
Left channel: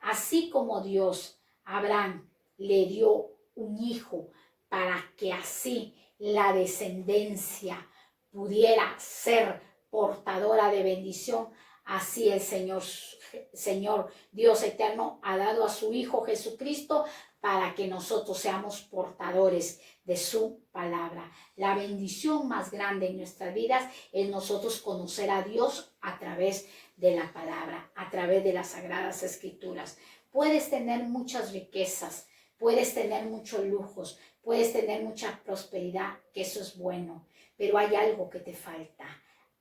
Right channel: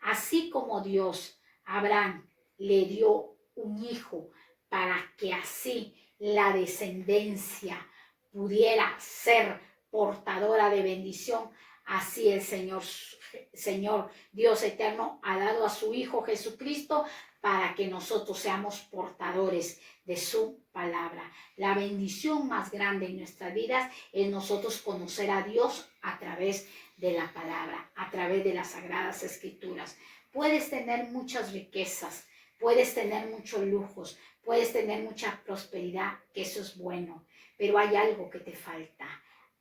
Así como Dios a Abraham le dio un hijo para que así la descendencia pudiera ser portadora de bendición, así el Señor Dios eterno ha dado a su Hijo Jesucristo para que nosotros seamos portadores de su palabra. La bendición más grande en nuestras vidas es nosotros conocer a Dios a través de la palabra, a través de las Sagradas Escrituras. Puedes tener muchas riquezas, puedes tener muchos lujos, puedes tener mucha prosperidad, que eso es bueno, pero hay algo que te falta:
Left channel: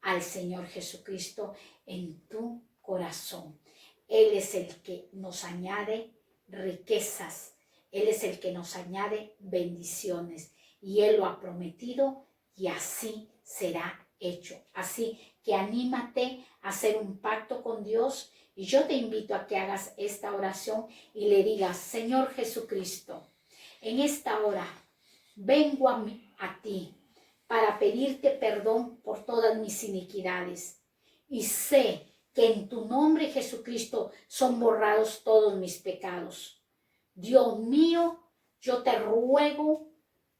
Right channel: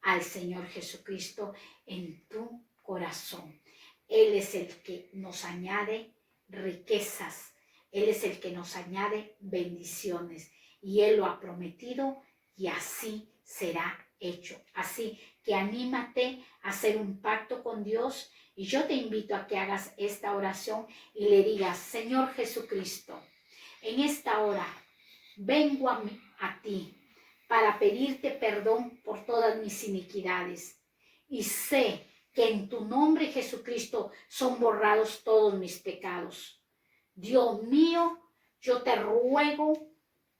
al Señor Jesucristo en tu corazón. Él es el que nos añade riquezas, Él es el que nos añade bendiciones y Él lo ha prometido y así será hecho. Así que anímate a hacer un pacto con Dios y yo te invito a que hagas esta oración y le digas: Señor Jesucristo, en esta hora vengo a ti para pedirte perdón por todas mis iniquidades. Y sé que en tu nombre, Jesucristo, son borrados todos mis pecados. Dios mío, yo te ruego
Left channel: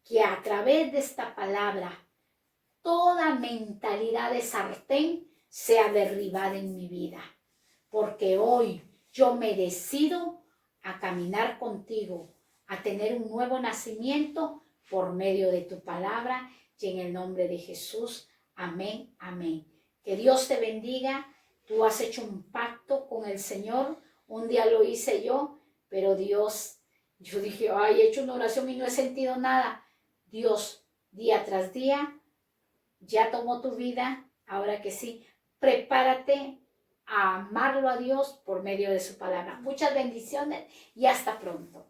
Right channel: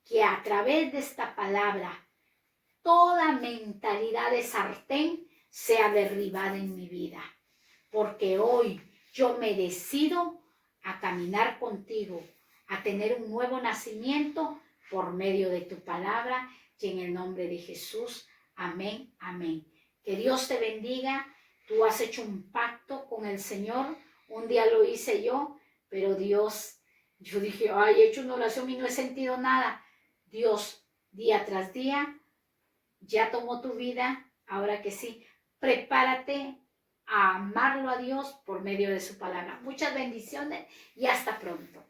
que a través de esta palabra toda mentalidad de sartén sea derribada en mi vida. Porque hoy yo me decido a caminar contigo, a tener un nuevo nacimiento por medio de tu palabra. Y en el nombre de Jesús, amén, amén. Que Dios te bendiga. Tú has hecho un pacto con el Señor. Un día lo hice yo, pero Dios, yo dije, ay, he hecho una oración y no he sentido nada. Dios, día tras día, ya tomó tu vida. Ahora que sí, prepárate a amarlo a Dios por medio de su palabra. Muchas bendiciones y hasta pronto.